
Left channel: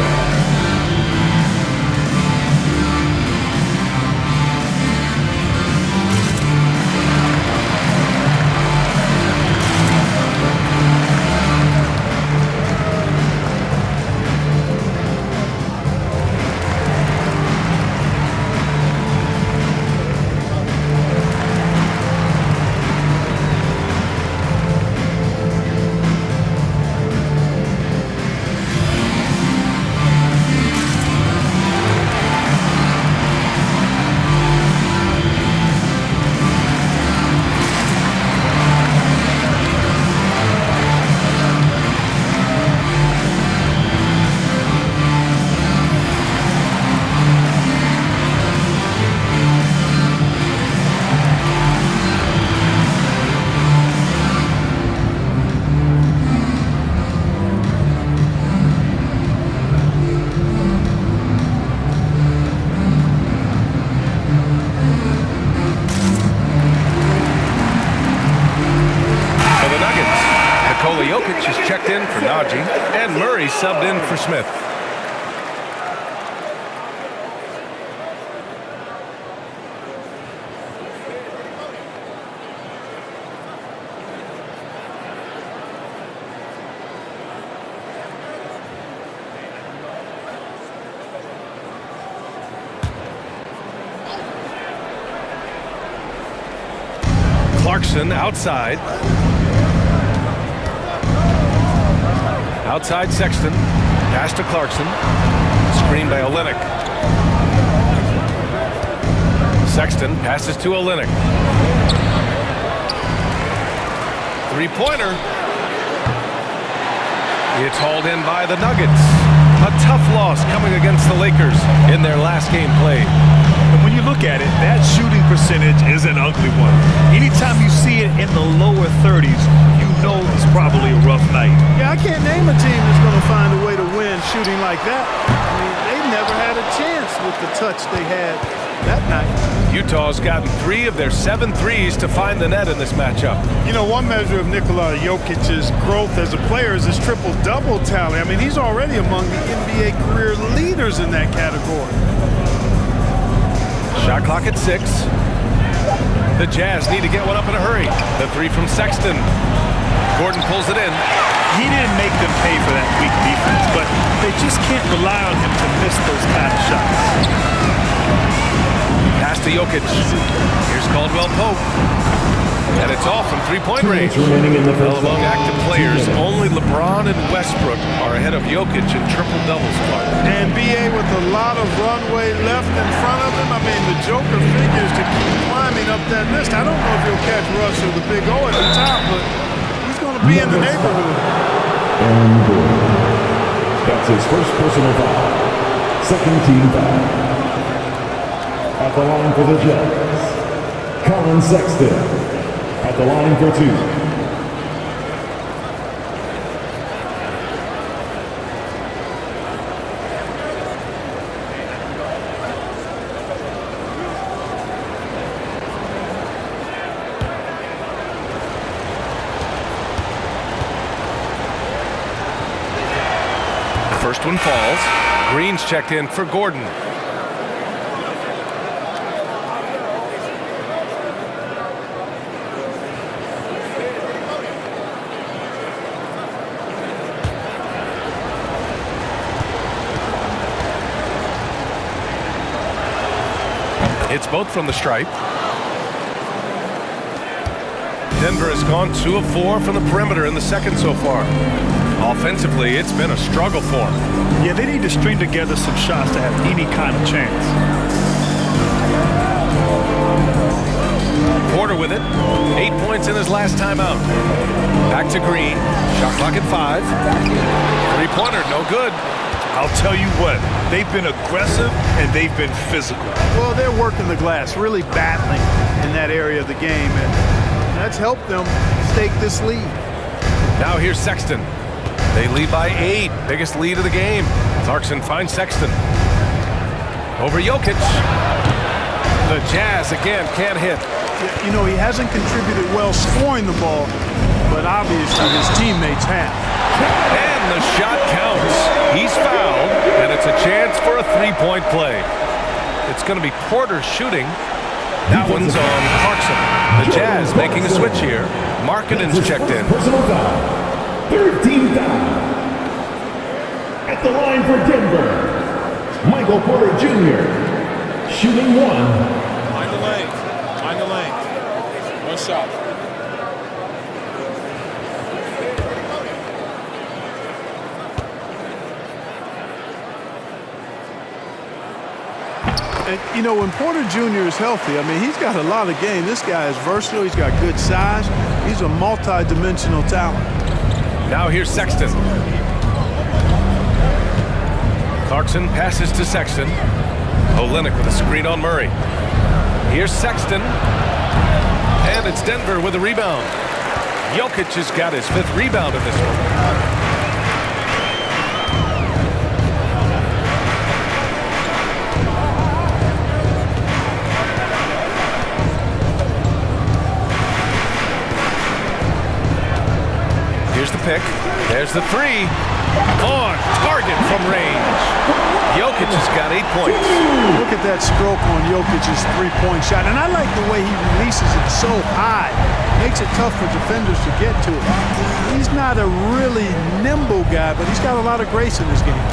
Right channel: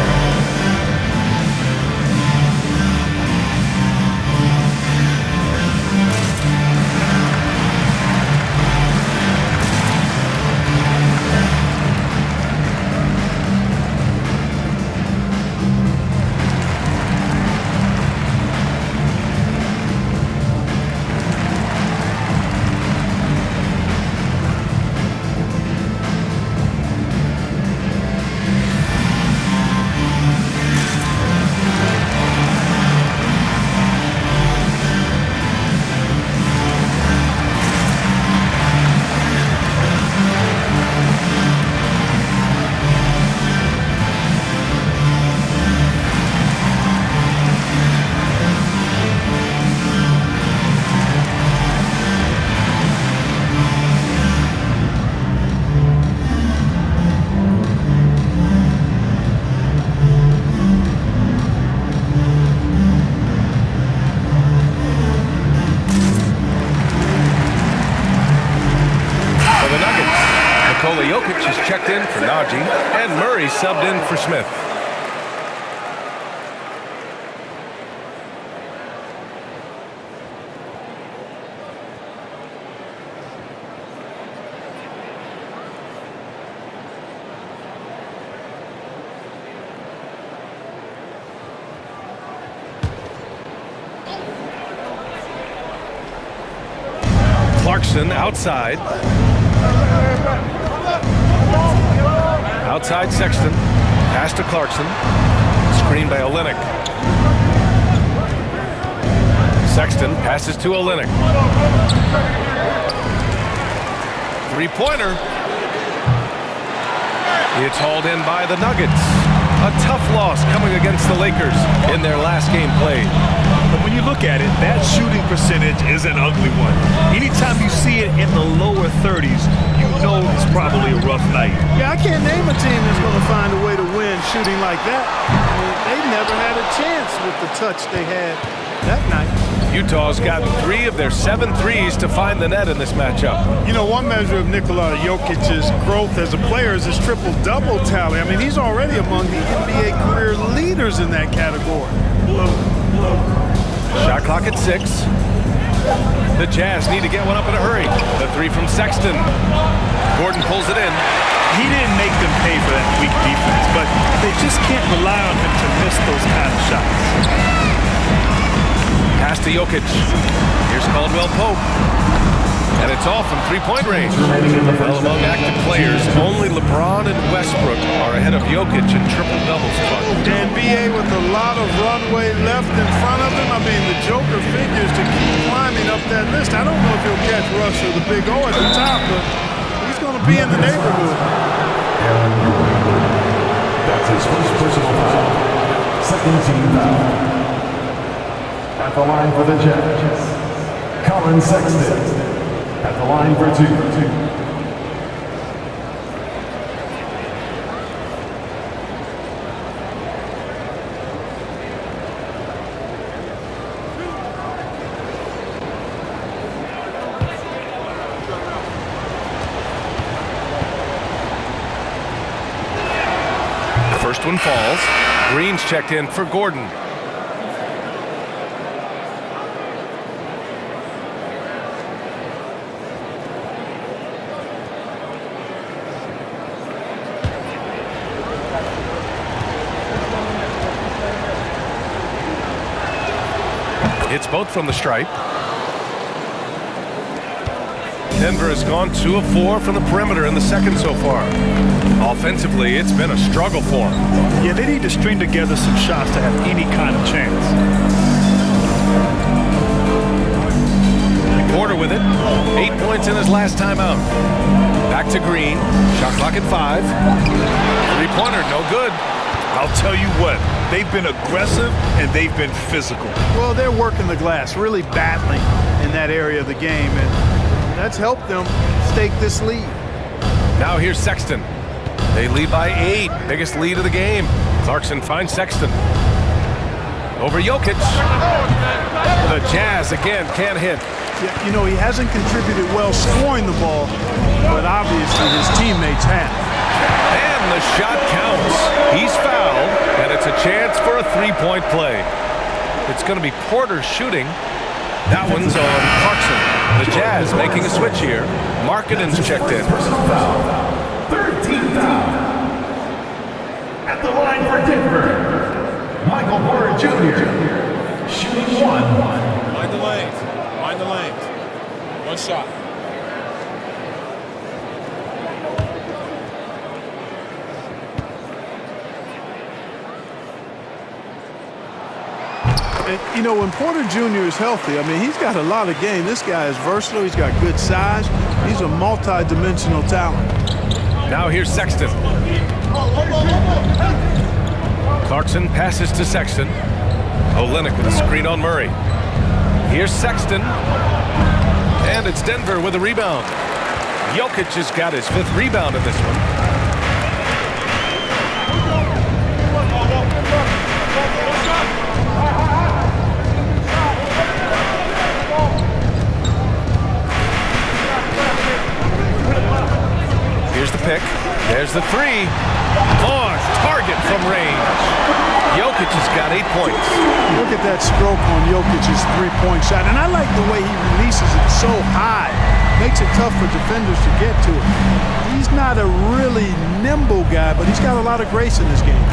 Nikola Jokic is checked in for Najee, and Murray subbed in for Smith. Clarkson outside. Outside Sexton. Pass to Clarkson. Screen by Olynyk. Sexton passes to Olynyk. Three-pointer. It's hauled in by the Nuggets. A tough loss coming against the Lakers in their last game played. And when you look at it, that shooting percentage is an ugly one. Anytime you see it in the lower 30s, you know it's probably a rough night. Yeah, I can't name a team that's going to find a way to win shooting like that. I mean, they never had a chance with the touch they had that night. Utah's gotten 3 of their 7 threes to find the net in this matchup. You know, one measure of Nikola Jokic's growth as a player is his triple-double tally. I mean, he's already among the NBA career leaders in that category. Shot clock at 6. The Jazz need to get one up in a hurry. The 3 from Sexton. Gordon pulls it in. He didn't make them pay for that weak defense, but they just can't rely on him to miss those kind of shots. Pass to Jokic. Here's Caldwell Pope. and it's all from three-point range. remaining in the Well, first among half. active players, only LeBron and Westbrook are ahead of Jokic in triple-doubles, Clark. And BA with a lot of runway left in front of him. I mean, the Joker figures to keep climbing up that list. I don't know if he'll catch Russ or the Big O at the top, but he's going to be in the neighborhood. Aaron Gordon. That's his first personal foul. Second team foul. At the line for the Jazz, Colin Sexton. At the line for 2. First one falls. Green's checked in for Gordon. It's both from the stripe. Denver has gone 2 of 4 from the perimeter in the second so far. Offensively, it's been a struggle for them. Yeah, they need to string together some shots to have any kind of chance. Porter with it. 8 points in his last time out. Back to Green. Shot clock at 5. Three-pointer, no good. I'll tell you what, they've been aggressive and they've been physical. Well, they're working the glass, really battling in that area of the game, and that's helped them stake this lead. Now here's Sexton. They lead by 8. Biggest lead of the game. Clarkson finds Sexton. Over Jokic. The Jazz again can't hit. Yeah, you know, he hasn't contributed well scoring the ball, but obviously his teammates have. And the shot counts. He's fouled, and it's a chance for a three-point play. It's going to be Porter shooting. That one's on Clarkson. The Jazz making a switch here. Markkanen's checked in. Personal foul. Third team foul. At the line for Denver, Michael Porter Jr. Shooting 1. Mind the lanes. Mind the lanes. One shot. And, you know, when Porter Jr. is healthy, I mean, he's got a lot of game. This guy is versatile. He's got good size. He's a multi-dimensional talent. Now here's Sexton. Clarkson passes to Sexton. Olynyk with a screen on Murray. Here's Sexton. And it's Denver with a rebound. Jokic has got his 5th rebound in this one. Here's the pick. There's the 3. On target from range. Jokic has got 8 points. Look at that stroke on Jokic's three-point shot. And I like the way he releases it so high. Makes it tough for defenders to get to it. He's not a really nimble guy, but he's got a lot of grace in his game.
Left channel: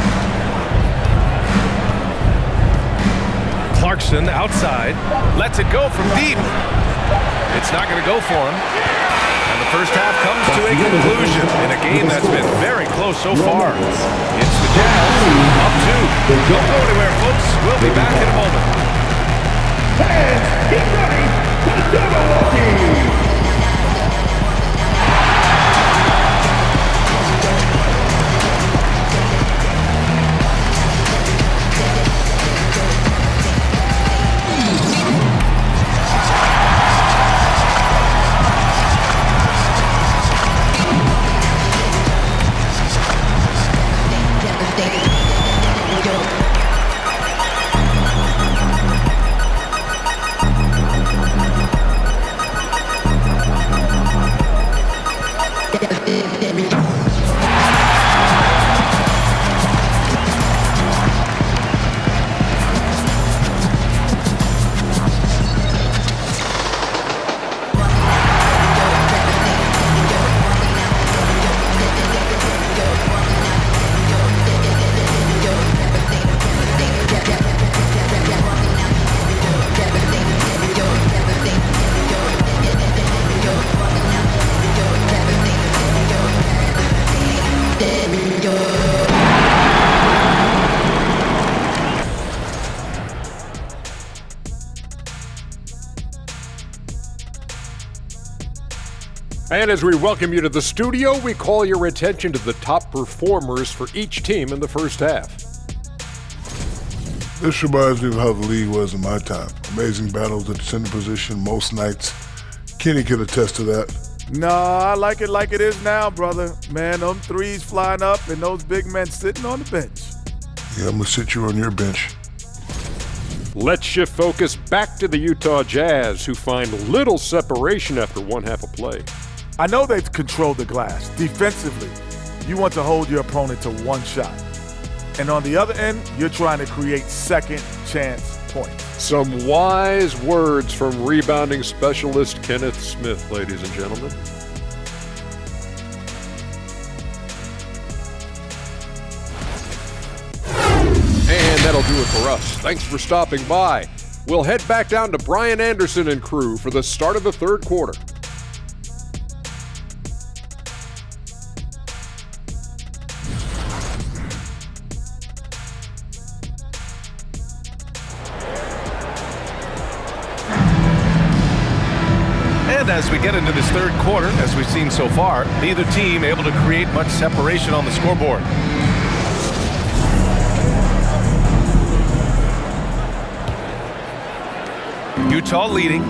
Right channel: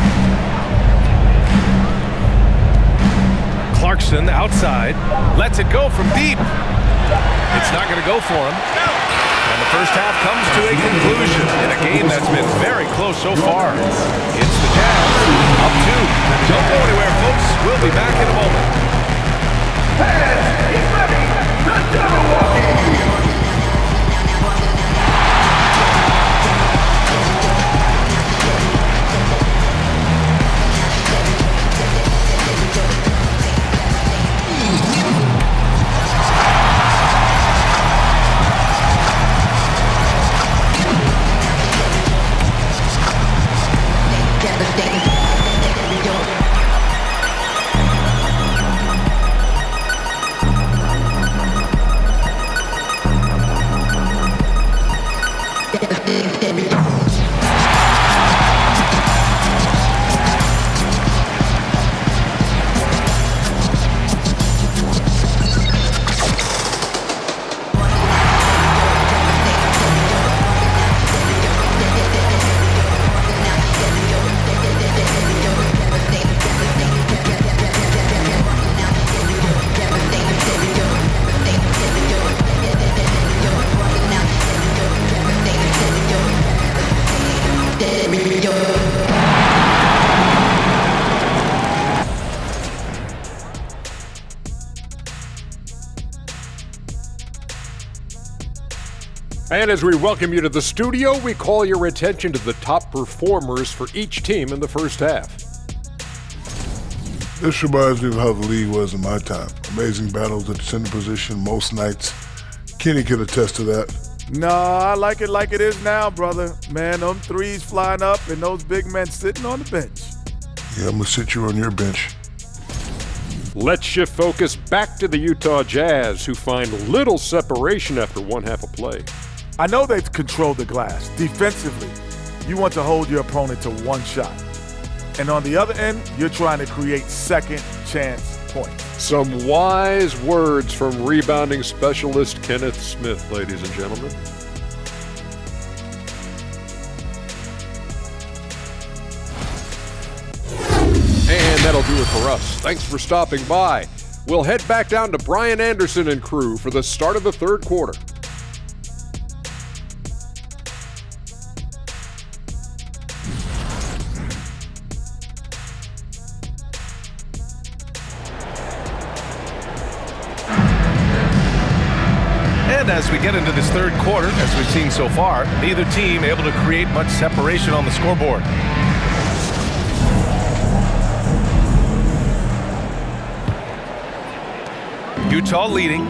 Clarkson outside. Lets it go from deep. It's not going to go for him. And the first half comes to a conclusion in a game that's been very close so far. It's the Jazz up 2. Don't go anywhere, folks. We'll be back in a moment. Fans, get ready. The Jabberwocky. And as we welcome you to the studio, we call your attention to the top performers for each team in the first half. This reminds me of how the league was in my time. Amazing battles at the center position most nights. Kenny can attest to that. No, I like it is now, brother. Man, them threes flying up and those big men sitting on the bench. Yeah, I'm going to sit you on your bench. Let's shift focus back to the Utah Jazz, who find little separation after one half of play. I know they've controlled the glass. Defensively, you want to hold your opponent to one shot. And on the other end, you're trying to create second chance points. Some wise words from rebounding specialist Kenneth Smith, ladies and gentlemen. And that'll do it for us. Thanks for stopping by. We'll head back down to Brian Anderson and crew for the start of the third quarter. And as we get into this third quarter, as we've seen so far, neither team able to create much separation on the scoreboard. Utah leading.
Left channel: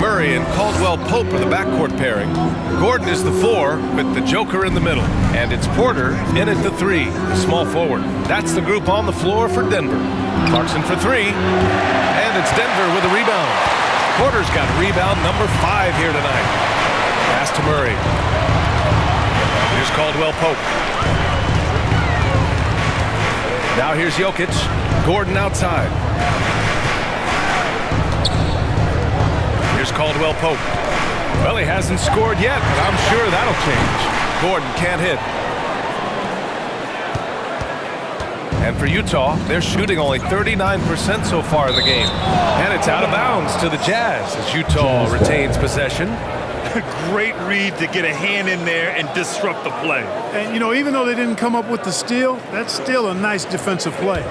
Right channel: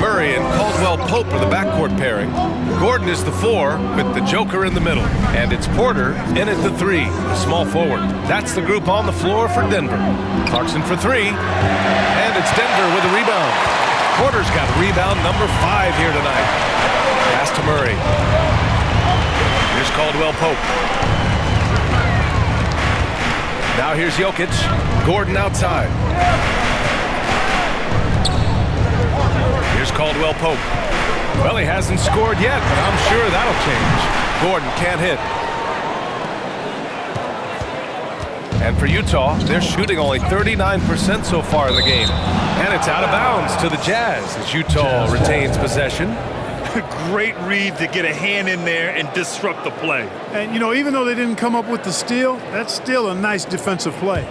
Murray and Caldwell Pope are the backcourt pairing. Gordon is the 4 with the Joker in the middle. And it's Porter in at the 3, the small forward. That's the group on the floor for Denver. Clarkson for 3. And it's Denver with a rebound. Porter's got rebound number 5 here tonight. Pass to Murray. Here's Caldwell Pope. Now here's Jokic. Gordon outside. Here's Caldwell Pope. Well, he hasn't scored yet, but I'm sure that'll change. Gordon can't hit. And for Utah, they're shooting only 39% so far in the game. And it's out of bounds to the Jazz as Utah retains possession. Great read to get a hand in there and disrupt the play. And, you know, even though they didn't come up with the steal, that's still a nice defensive play.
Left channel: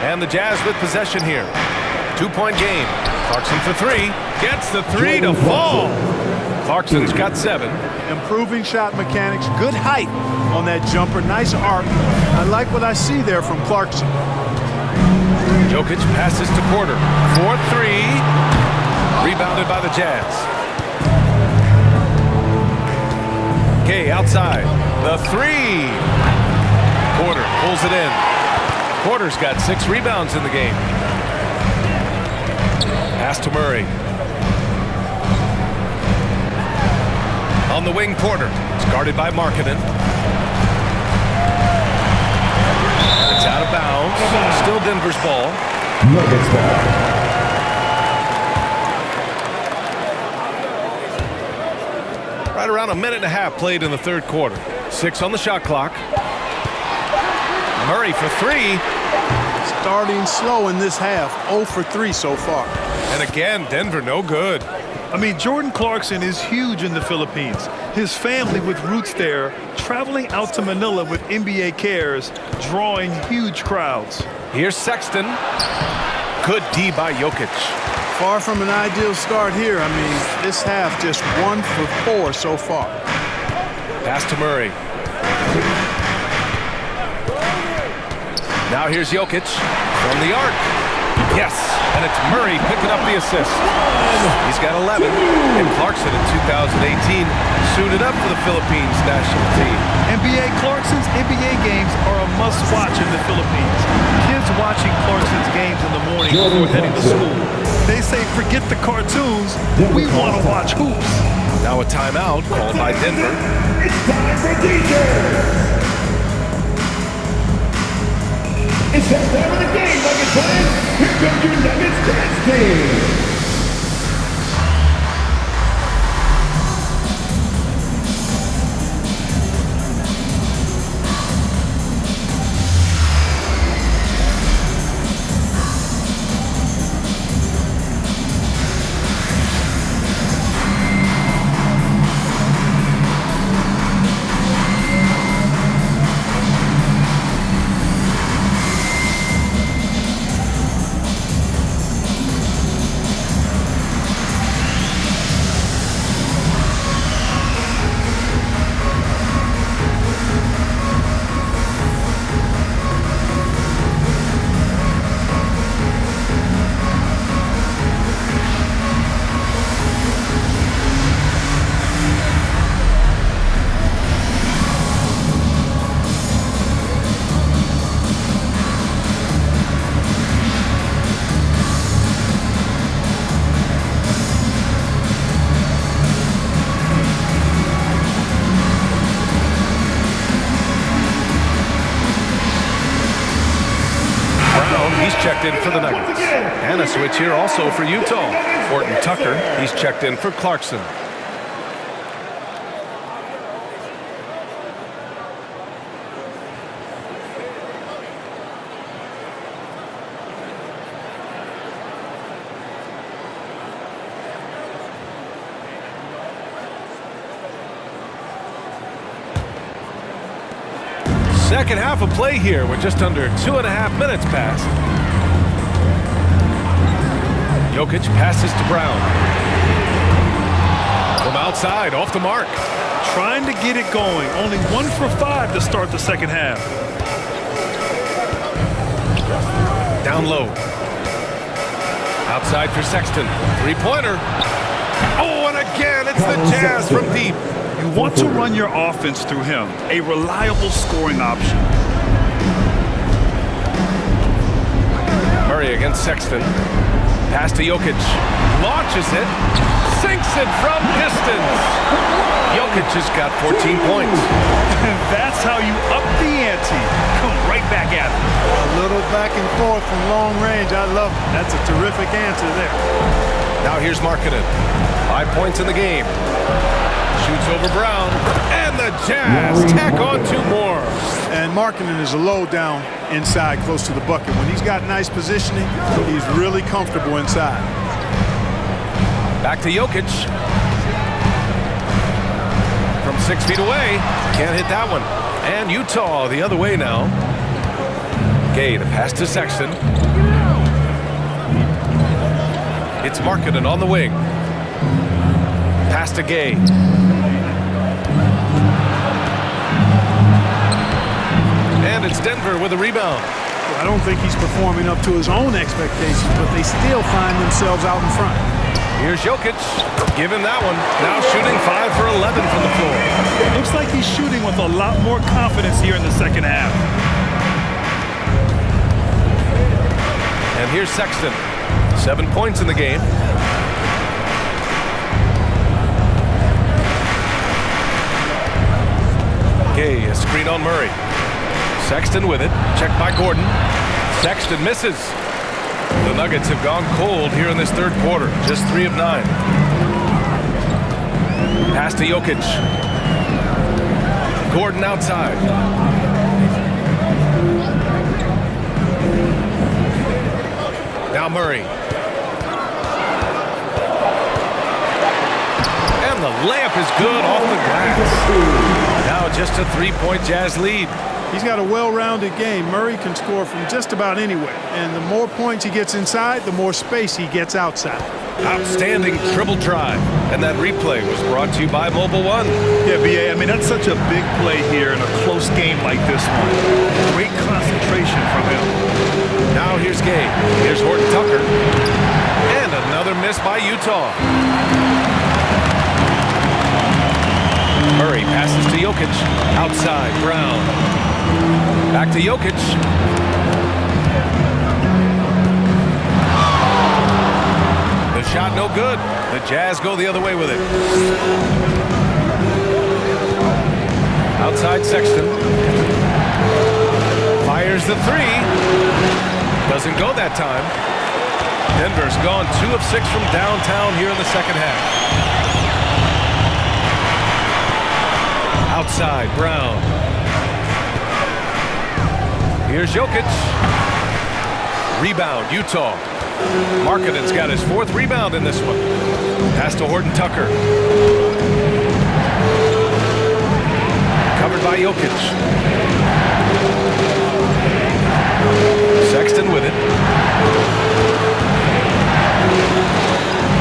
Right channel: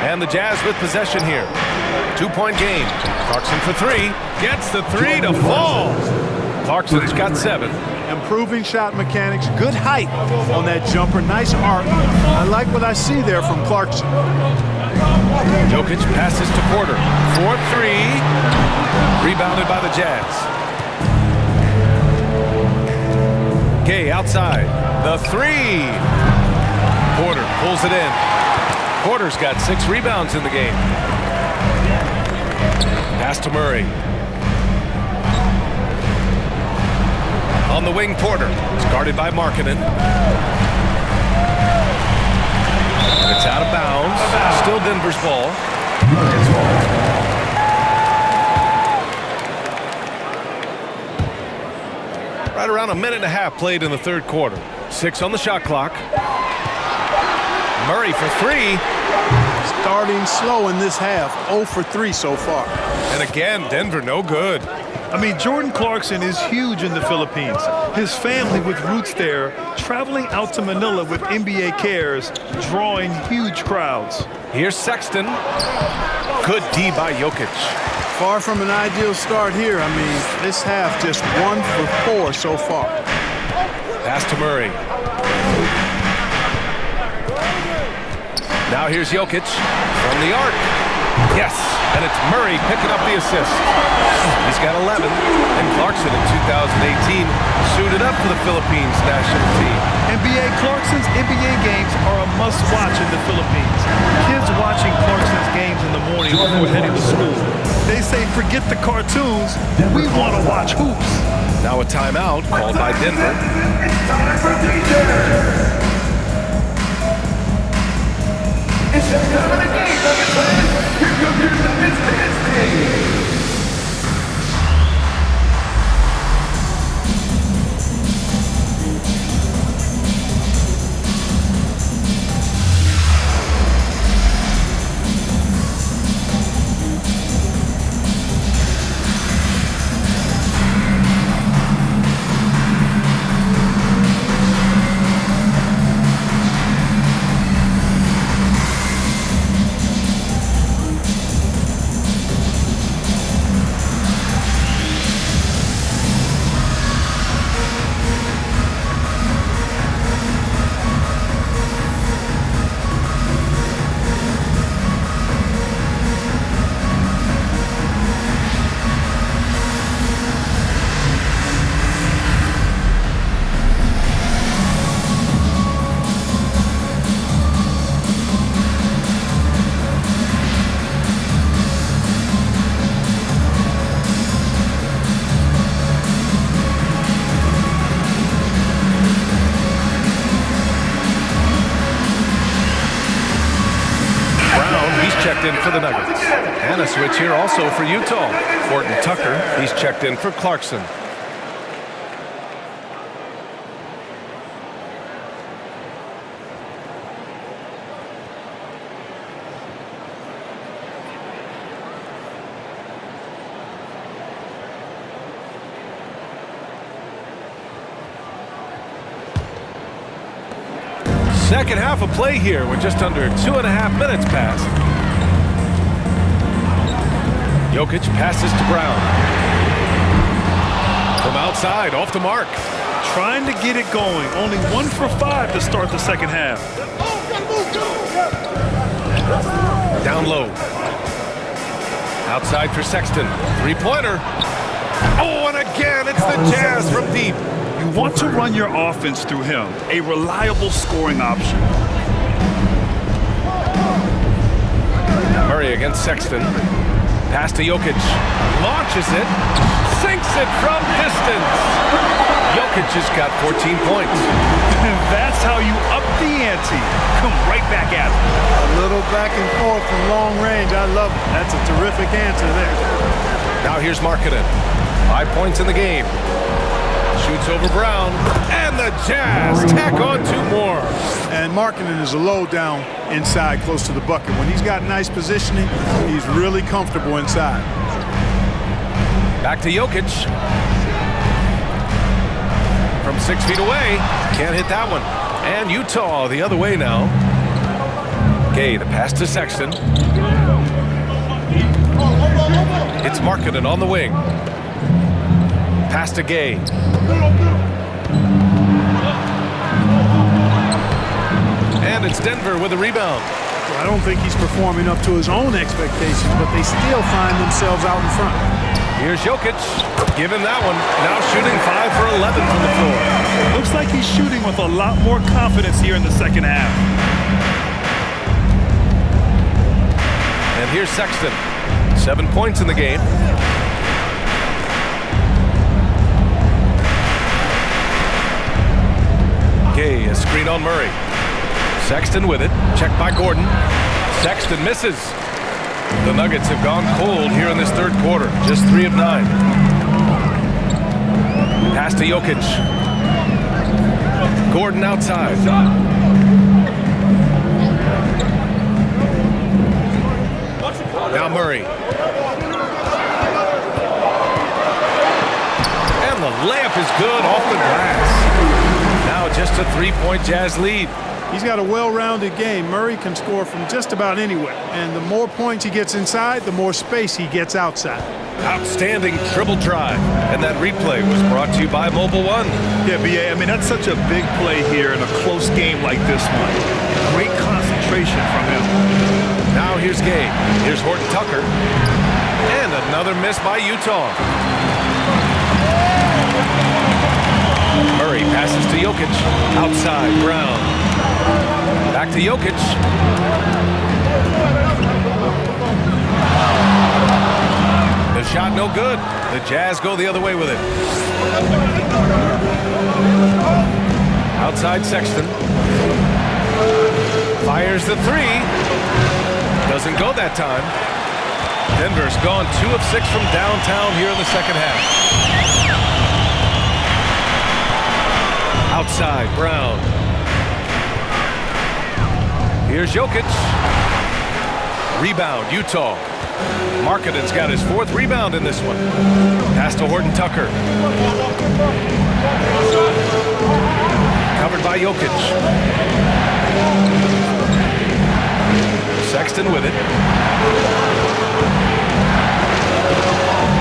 And the Jazz with possession here. 2-point game. Clarkson for 3. Gets the 3 to fall. Clarkson's got 7. Improving shot mechanics, good height on that jumper, nice arc. I like what I see there from Clarkson. Jokic passes to Porter. 4-3. Rebounded by the Jazz. Gay outside. The 3. Porter pulls it in. Porter's got 6 rebounds in the game. Pass to Murray. On the wing, Porter. It's guarded by Markkanen. And it's out of bounds. Still Denver's ball. Nuggets ball. Right around a minute and a half played in the third quarter. 6 on the shot clock. Murray for 3. Starting slow in this half, 0 for 3 so far. And again, Denver no good. I mean, Jordan Clarkson is huge in the Philippines. His family with roots there, traveling out to Manila with NBA cares, drawing huge crowds. Here's Sexton. Good D by Jokic. Far from an ideal start here. I mean, this half just 1 for 4 so far. Pass to Murray. Now here's Jokic from the arc. Yes, and it's Murray picking up the assist. He's got 11, and Clarkson in 2018 suited up for the Philippines national team. NBA Clarkson's NBA games are a must-watch in the Philippines. Kids watching Clarkson's games in the morning before heading to school. They say, forget the cartoons, we want to watch hoops. Now a timeout called by Denver. It's time for DJ. It's that time of the game, Nuggets fans. Here comes your Nuggets dance team. checked in for the Nuggets. And a switch here also for Utah. Horton Tucker, he's checked in for Clarkson. Second half of play here with just under 2.5 minutes passed. Jokic passes to Brown. From outside, off the mark. Trying to get it going. Only 1 for 5 to start the second half. Down low. Outside for Sexton. Three-pointer. Oh, and again, it's the Jazz from deep. You want to run your offense through him, a reliable scoring option. Murray against Sexton. Pass to Jokic. Launches it. Sinks it from distance. Jokic has got 14 points. That's how you up the ante. Come right back at him. A little back and forth from long range. I love it. That's a terrific answer there. Now here's Markkanen. 5 points in the game. Shoots over Brown, and the Jazz tack on 2 more. And Markkanen is a low down inside close to the bucket. When he's got nice positioning, he's really comfortable inside. Back to Jokic. From 6 feet away, can't hit that one. And Utah the other way now. Gay, the pass to Sexton. It's Markkanen on the wing. Pass to Gay. And it's Denver with a rebound. Well, I don't think he's performing up to his own expectations, but they still find themselves out in front. Here's Jokic. Give him that one. Now shooting 5 for 11 from the floor. Looks like he's shooting with a lot more confidence here in the second half. And here's Sexton. 7 points in the game. Gay, a screen on Murray. Sexton with it. Checked by Gordon. Sexton misses. The Nuggets have gone cold here in this third quarter. Just 3 of 9. Pass to Jokic. Gordon outside. Now Murray. And the layup is good off the glass. Now just a 3-point Jazz lead. He's got a well-rounded game. Murray can score from just about anywhere. And the more points he gets inside, the more space he gets outside. Outstanding dribble drive. And that replay was brought to you by Mobile One. Yeah, B.A., I mean, that's such a big play here in a close game like this one. Great concentration from him. Now here's Gay. Here's Horton Tucker. And another miss by Utah. Murray passes to Jokic. Outside, Brown. Back to Jokic. The shot no good. The Jazz go the other way with it. Outside Sexton. Fires the 3. Doesn't go that time. Denver's gone 2 of 6 from downtown here in the second half. Outside, Brown. Here's Jokic. Rebound, Utah. Markkanen's got his 4th rebound in this one. Pass to Horton Tucker. Covered by Jokic. Sexton with it.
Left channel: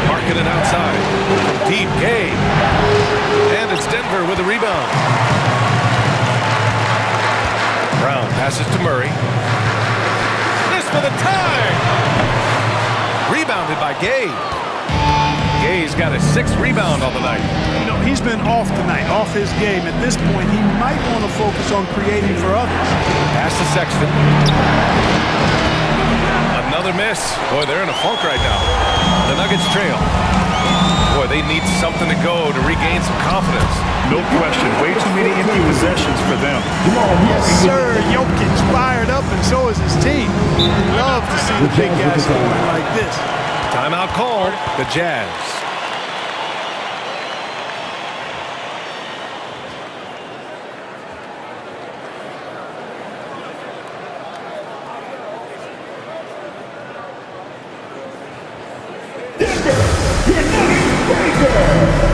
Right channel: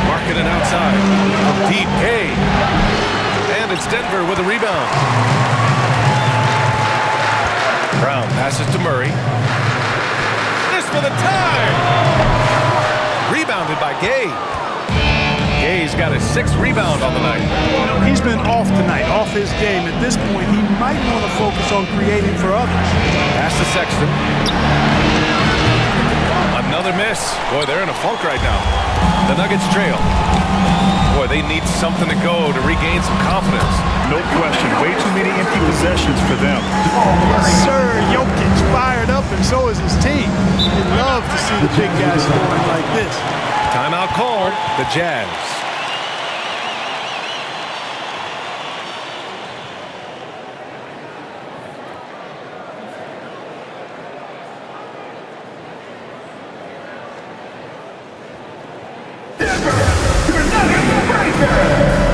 Markkanen outside. From deep, Gay. And it's Denver with a rebound. Brown passes to Murray. This for the tie! Rebounded by Gay. Gay's got his 6th rebound on the night. You know, he's been off tonight, off his game. At this point, he might want to focus on creating for others. Pass to Sexton. Another miss. Boy, they're in a funk right now. The Nuggets trail. Boy, they need something to go to regain some confidence. No question. Way too many empty possessions for them. Yes, sir. Jokic fired up, and so is his team. They love to see the big guys scoring like this. Timeout called, the Jazz. Denver, your Nuggets breaker.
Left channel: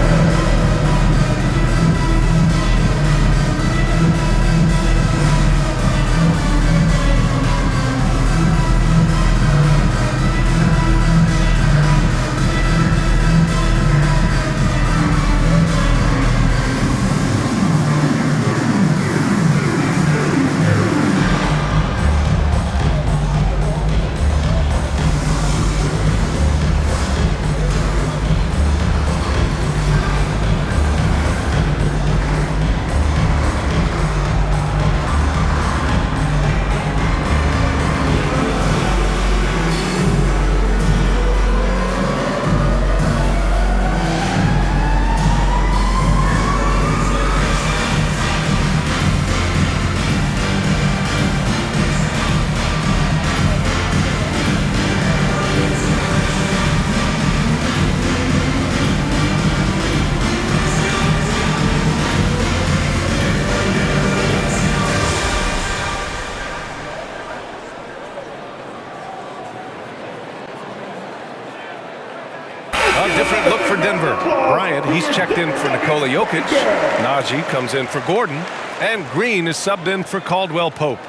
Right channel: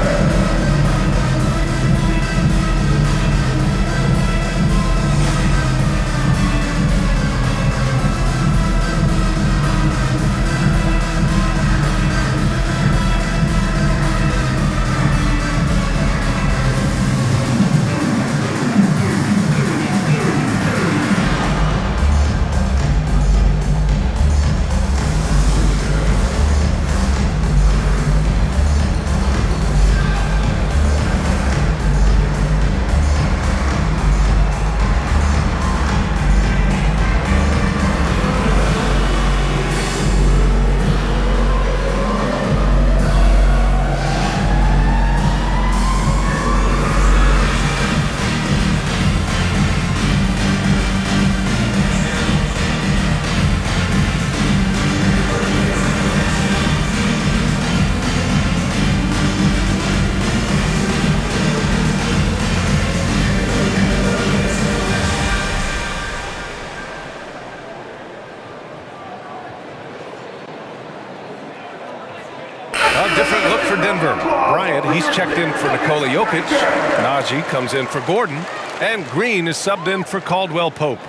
A different look for Denver. Bryant, he's checked in for Nikola Jokic. Najee comes in for Gordon. And Green is subbed in for Caldwell Pope.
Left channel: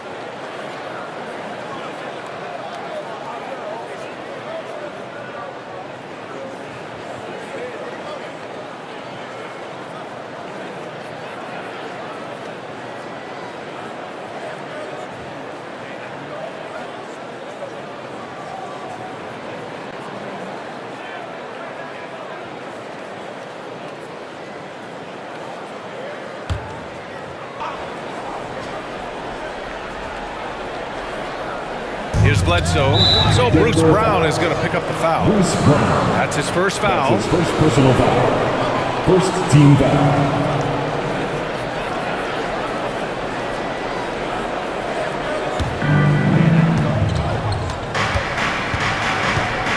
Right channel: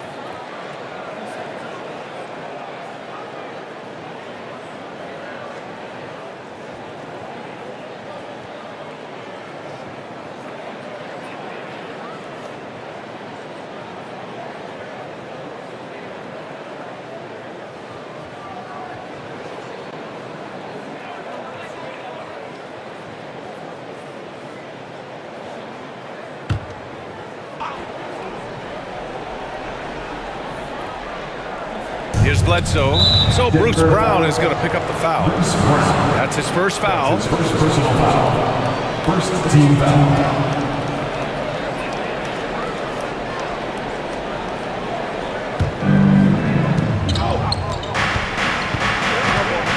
Here's Bledsoe. So Bruce Brown is going to pick up the foul. Bruce Brown. That's his first foul. That's his first personal foul. First team foul.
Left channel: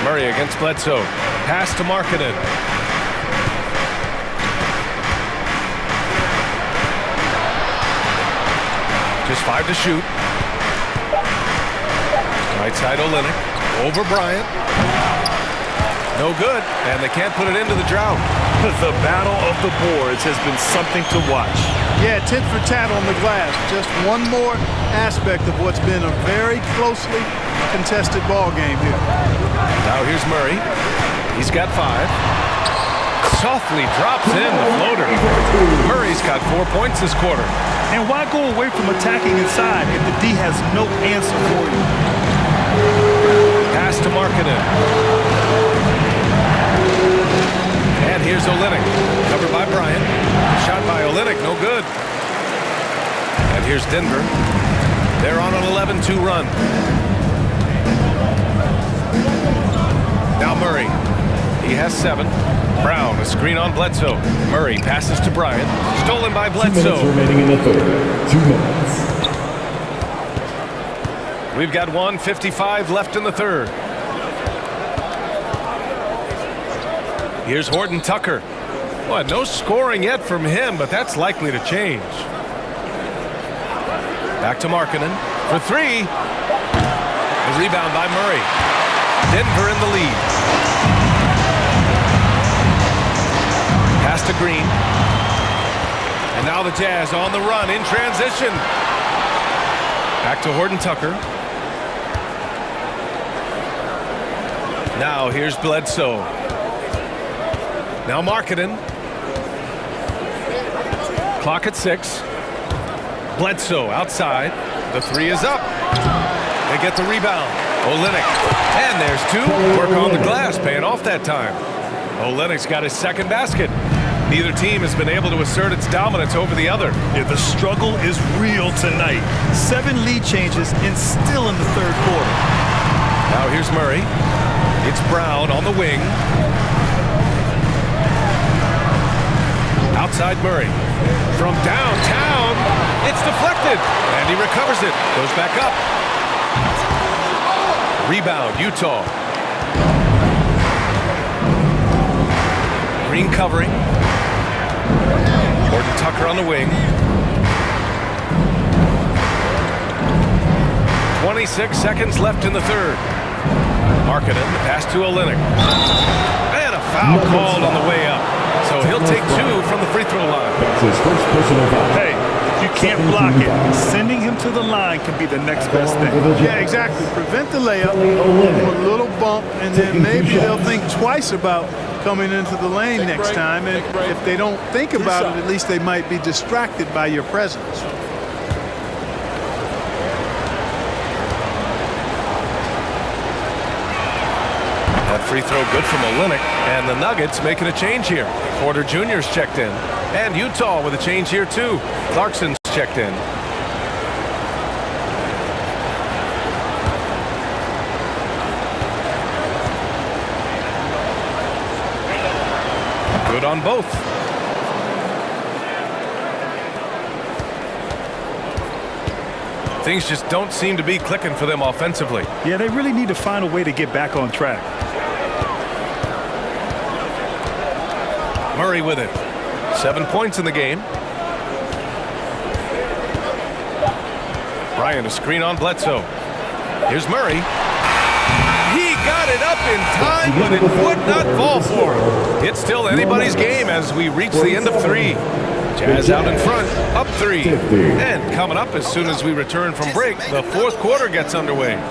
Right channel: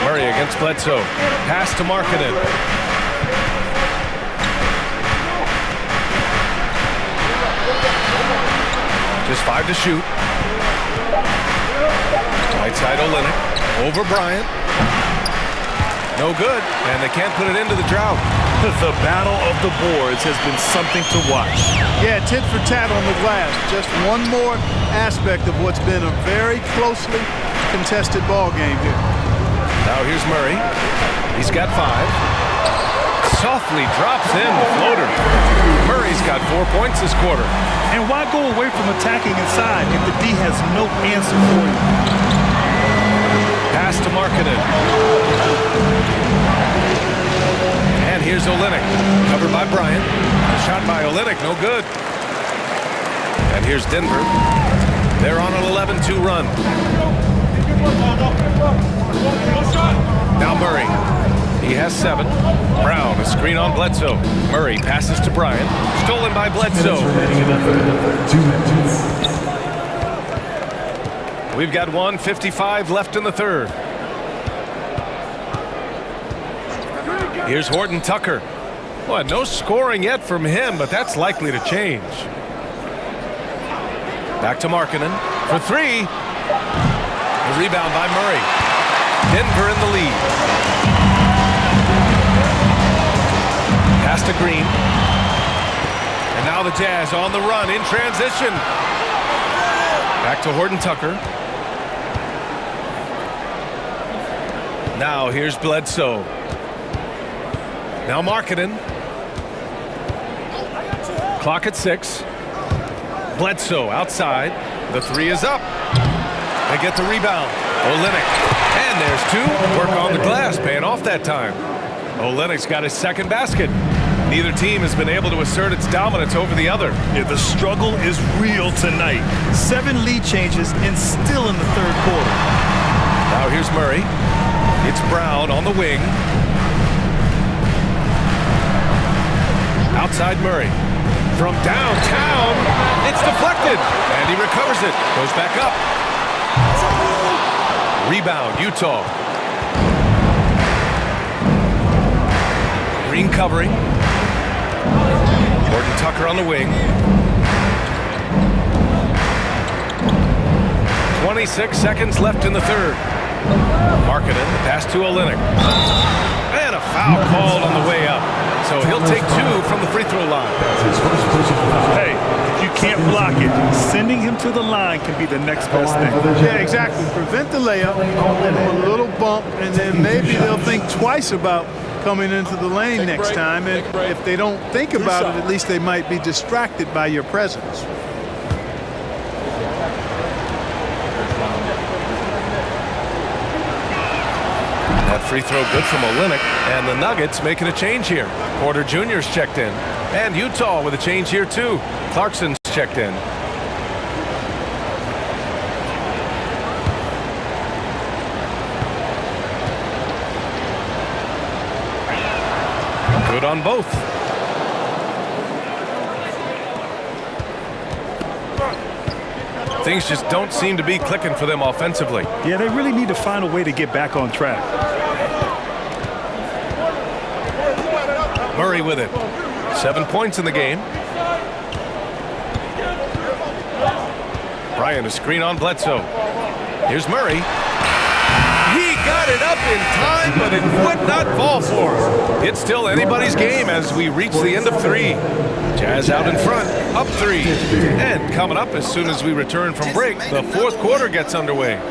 Murray against Bledsoe. Pass to Markkanen. Just 5 to shoot. Right side Olynyk. Over Bryant. No good. And they can't put it into the drought. The battle of the boards has been something to watch. Yeah, tit for tat on the glass. Just one more aspect of what's been a very closely contested ball game here. Now here's Murray. He's got 5. Softly drops in the floater. Murray's got 4 points this quarter. And why go away from attacking inside if the D has no answer for you? Pass to Markkanen. And here's Olynyk. Covered by Bryant. The shot by Olynyk, no good. And here's Denver. They're on an 11-2 run. Now Murray. He has 7. Brown, a screen on Bledsoe. Murray passes to Bryant. Stolen by Bledsoe. 2 minutes remaining in the third. 2 minutes. We've got 1:55 left in the third. Here's Horton Tucker. Boy, no scoring yet from him, but that's likely to change. Back to Markkanen for 3. The rebound by Murray. Denver in the lead. Pass to Green. And now the Jazz on the run in transition. Back to Horton Tucker. Now here's Bledsoe. Now Markkanen. Clock at 6. Bledsoe outside. The 3 is up. They get the rebound. Olynyk. And there's 2. Work on the glass, paying off that time. Olynyk's got his second basket. Neither team has been able to assert its dominance over the other. Yeah, the struggle is real tonight. 7 lead changes and still in the third quarter. Now here's Murray. It's Brown on the wing. Outside Murray. From downtown, it's deflected. And he recovers it. Goes back up. Rebound, Utah. Green covering. Gordon Tucker on the wing. 26 seconds left in the third. Markkanen, the pass to Olynyk. And a foul called on the way up. So he'll take 2 from the free throw line. That's his first personal foul. Hey, if you can't block it, sending him to the line can be the next best thing. Yeah, exactly. Prevent the layup, give them a little bump, and then maybe they'll think twice about coming into the lane next time. And if they don't think about it, at least they might be distracted by your presence. That free throw good from Olynyk, and the Nuggets making a change here. Porter Jr.'s checked in, and Utah with a change here too. Clarkson's checked in. Good on both. Things just don't seem to be clicking for them offensively. Yeah, they really need to find a way to get back on track. Murray with it. 7 points in the game. Bryant, a screen on Bledsoe. Here's Murray. He got it up in time, but it would not fall for him. It's still anybody's game as we reach the end of 3. Jazz out in front, up 3. And coming up as soon as we return from break, the fourth quarter gets underway.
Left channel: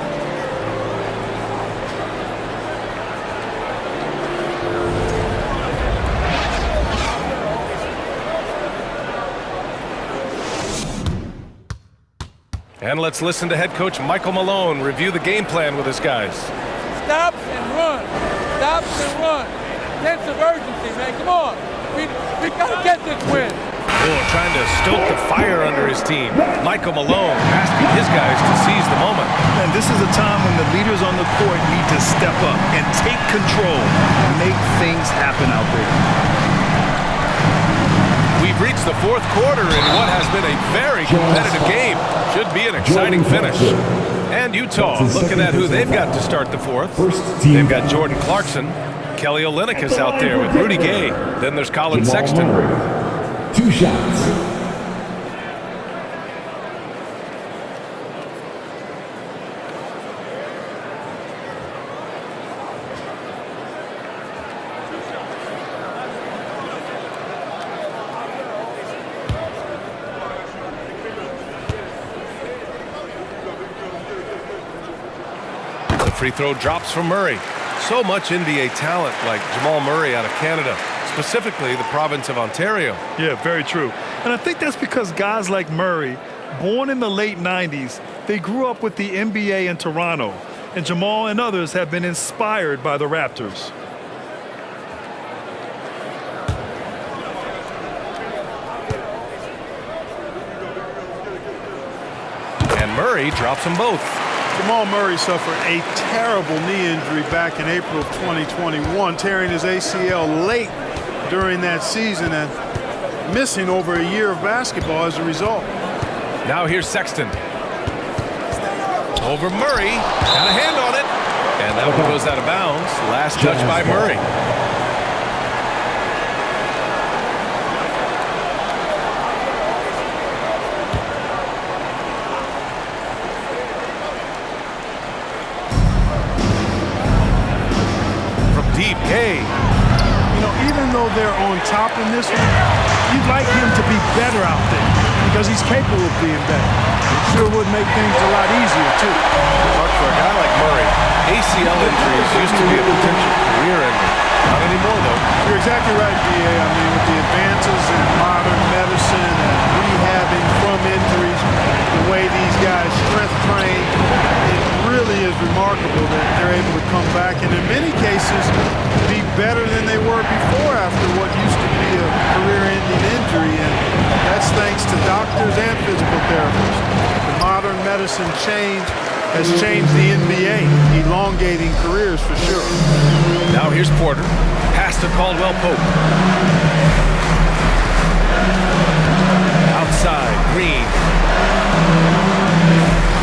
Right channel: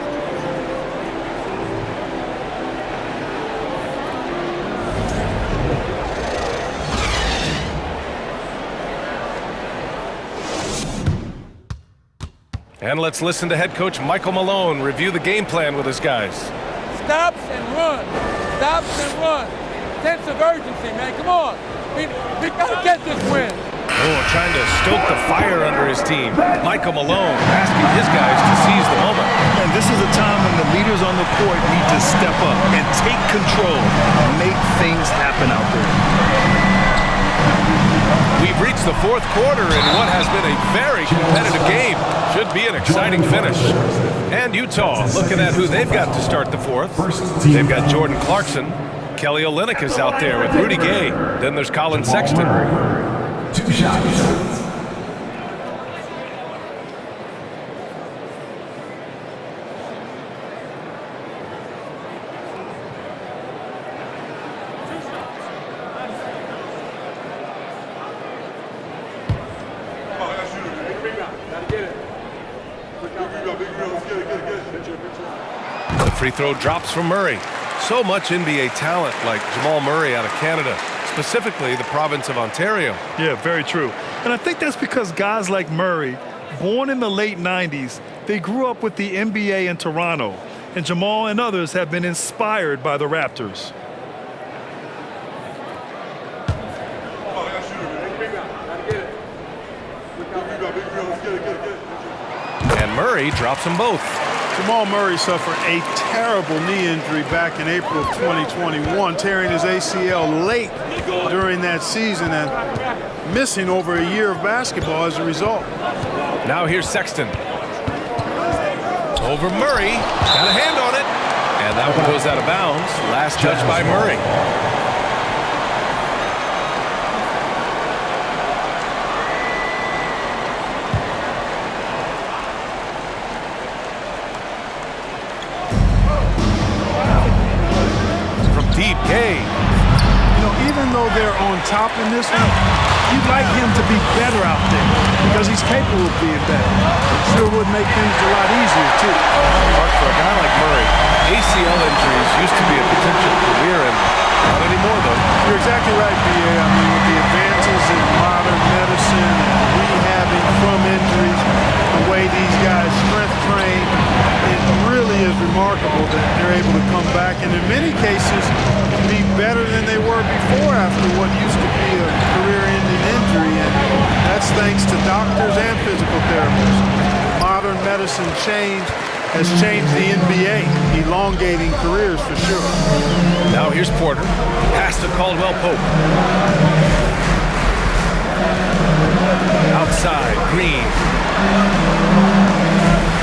And let's listen to head coach Michael Malone review the game plan with his guys. Stops and run. Stops and run. Sense of urgency, man. Come on. We got to get this win. Oh, trying to stoke the fire under his team. Michael Malone asking his guys to seize the moment. And this is a time when the leaders on the court need to step up and take control, make things happen out there. We've reached the fourth quarter in what has been a very competitive game. Should be an exciting finish. And Utah looking at who they've got to start the fourth. They've got Jordan Clarkson. Kelly Olynyk is out there with Rudy Gay. Then there's Colin Sexton. 2 shots. The free throw drops from Murray. So much NBA talent like Jamal Murray out of Canada, specifically the province of Ontario. Yeah, very true. And I think that's because guys like Murray, born in the late 90s, they grew up with the NBA in Toronto. And Jamal and others have been inspired by the Raptors. And Murray drops them both. Jamal Murray suffered a terrible knee injury back in April of 2021, tearing his ACL late during that season and missing over a year of basketball as a result. Now here's Sexton. Over Murray. Got a hand on it. And that one goes out of bounds. Last touch by Murray. Deep Gay. You know, even though they're on top in this one, you'd like him to be better out there because he's capable of being better. It sure would make things a lot easier, too. But for a guy like Murray, ACL injuries used to be a potential career ender. Not anymore, though. You're exactly right, B.A. I mean, with the advances in modern medicine and rehabbing from injuries, the way these guys strength train, it really is remarkable that they're able to come back and in many cases be better than they were before after what used to be a career-ending injury, and that's thanks to doctors and physical therapists. The modern medicine change has changed the NBA, elongating careers for sure. Now here's Porter. Pass to Caldwell Pope. Outside, Green.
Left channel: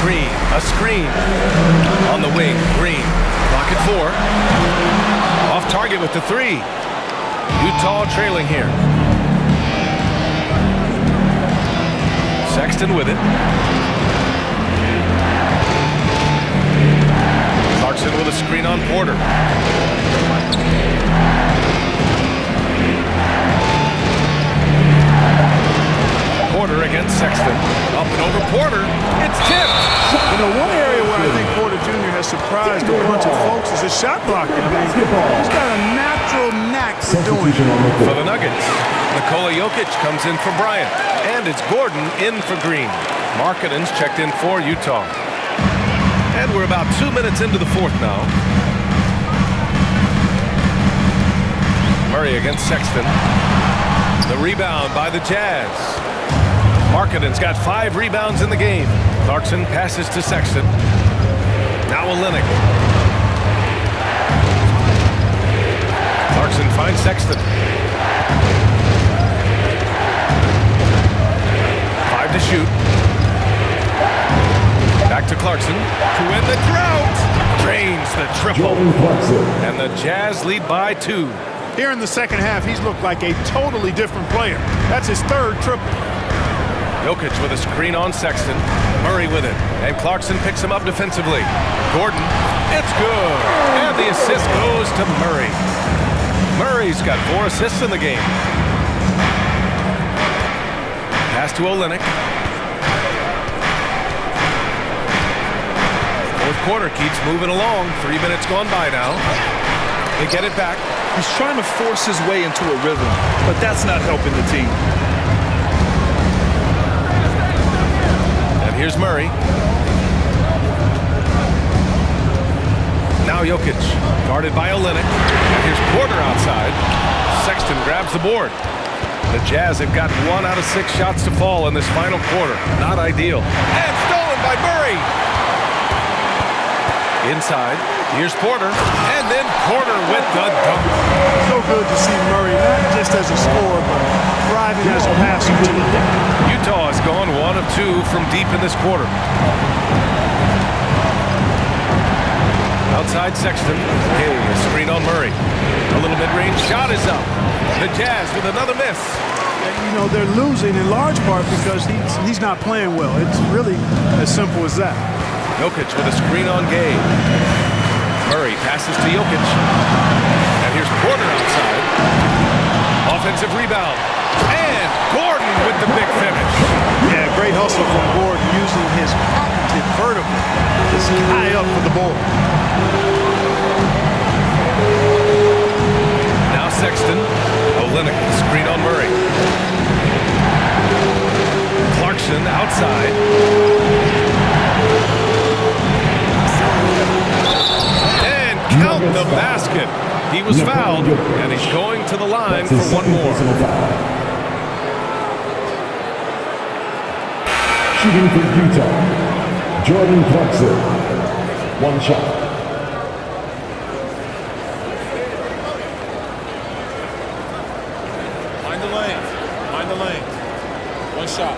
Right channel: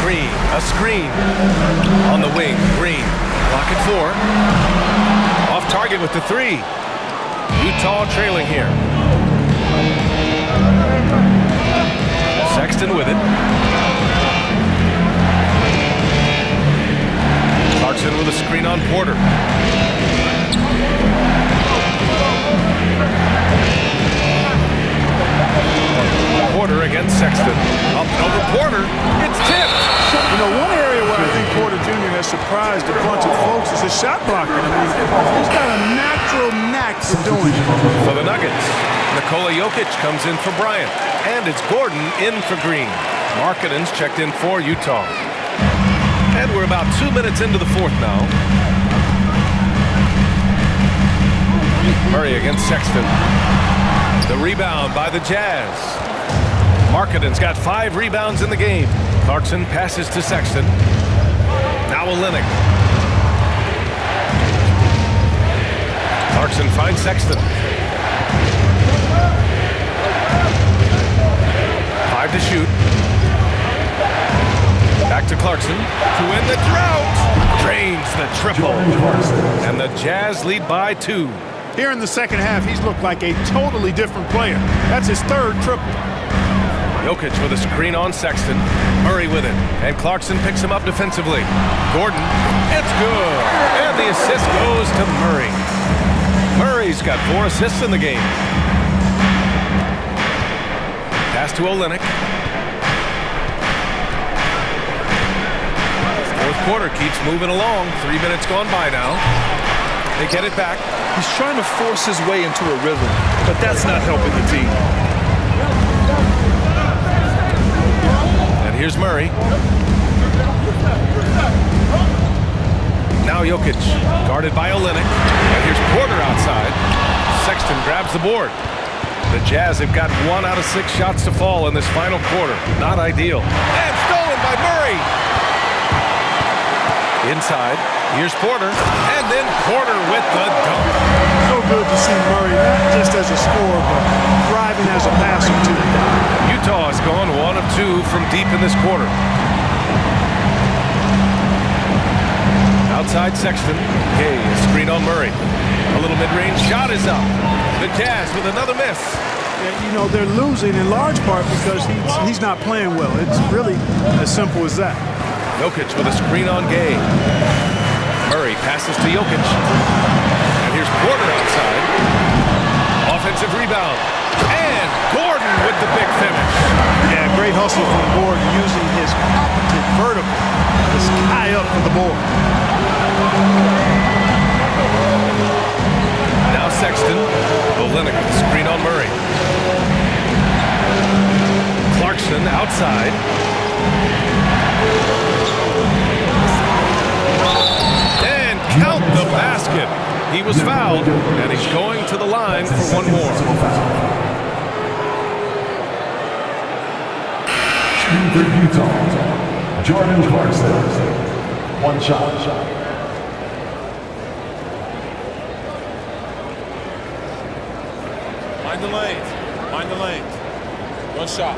Green, a screen. On the wing, Green. Clock at 4. Off target with the 3. Utah trailing here. Sexton with it. Clarkson with a screen on Porter. Porter against Sexton. Up and over Porter. It's tipped. You know, one area where I think Porter Jr. has surprised a bunch of folks is his shot blocking. I mean, he's got a natural knack for doing it. For the Nuggets, Nikola Jokic comes in for Bryant. And it's Gordon in for Green. Markkanen's checked in for Utah. And we're about 2 minutes into the fourth now. Murray against Sexton. The rebound by the Jazz. Markkanen's got 5 rebounds in the game. Clarkson passes to Sexton. Now Olynyk. Clarkson finds Sexton. 5 to shoot. Back to Clarkson to win the drought. Drains the triple. And the Jazz lead by 2. Here in the second half, he's looked like a totally different player. That's his 3rd triple. Jokic with a screen on Sexton. Murray with it. And Clarkson picks him up defensively. Gordon. It's good. And the assist goes to Murray. Murray's got 4 assists in the game. Pass to Olynyk. Fourth quarter keeps moving along. 3 minutes gone by now. They get it back. He's trying to force his way into a rhythm, but that's not helping the team. And here's Murray. Now Jokic, guarded by Olynyk. And here's Porter outside. Sexton grabs the board. The Jazz have got 1 out of 6 shots to fall in this final quarter. Not ideal. And stolen by Murray. Inside, here's Porter. And then Porter with the dunk. So good to see Murray, not just as a scorer, but thriving as a passer, too. Utah has gone 1 of 2 from deep in this quarter. Outside Sexton. Gay, a screen on Murray. A little mid-range shot is up. The Jazz with another miss. Yeah, you know, they're losing in large part because he's not playing well. It's really as simple as that. Jokic with a screen on Gay. Murray passes to Jokic. And here's Porter outside. Offensive rebound. And Gordon with the big finish. Yeah, great hustle from Gordon using his patented vertical to sky up for the board. Now Sexton. Olynyk with the screen on Murray. Clarkson outside. And count the basket. He was fouled, and he's going to the line for one more. Shooting for Utah, Jordan Clarkson. 1 shot. Mind the lanes. Mind the lanes. 1 shot.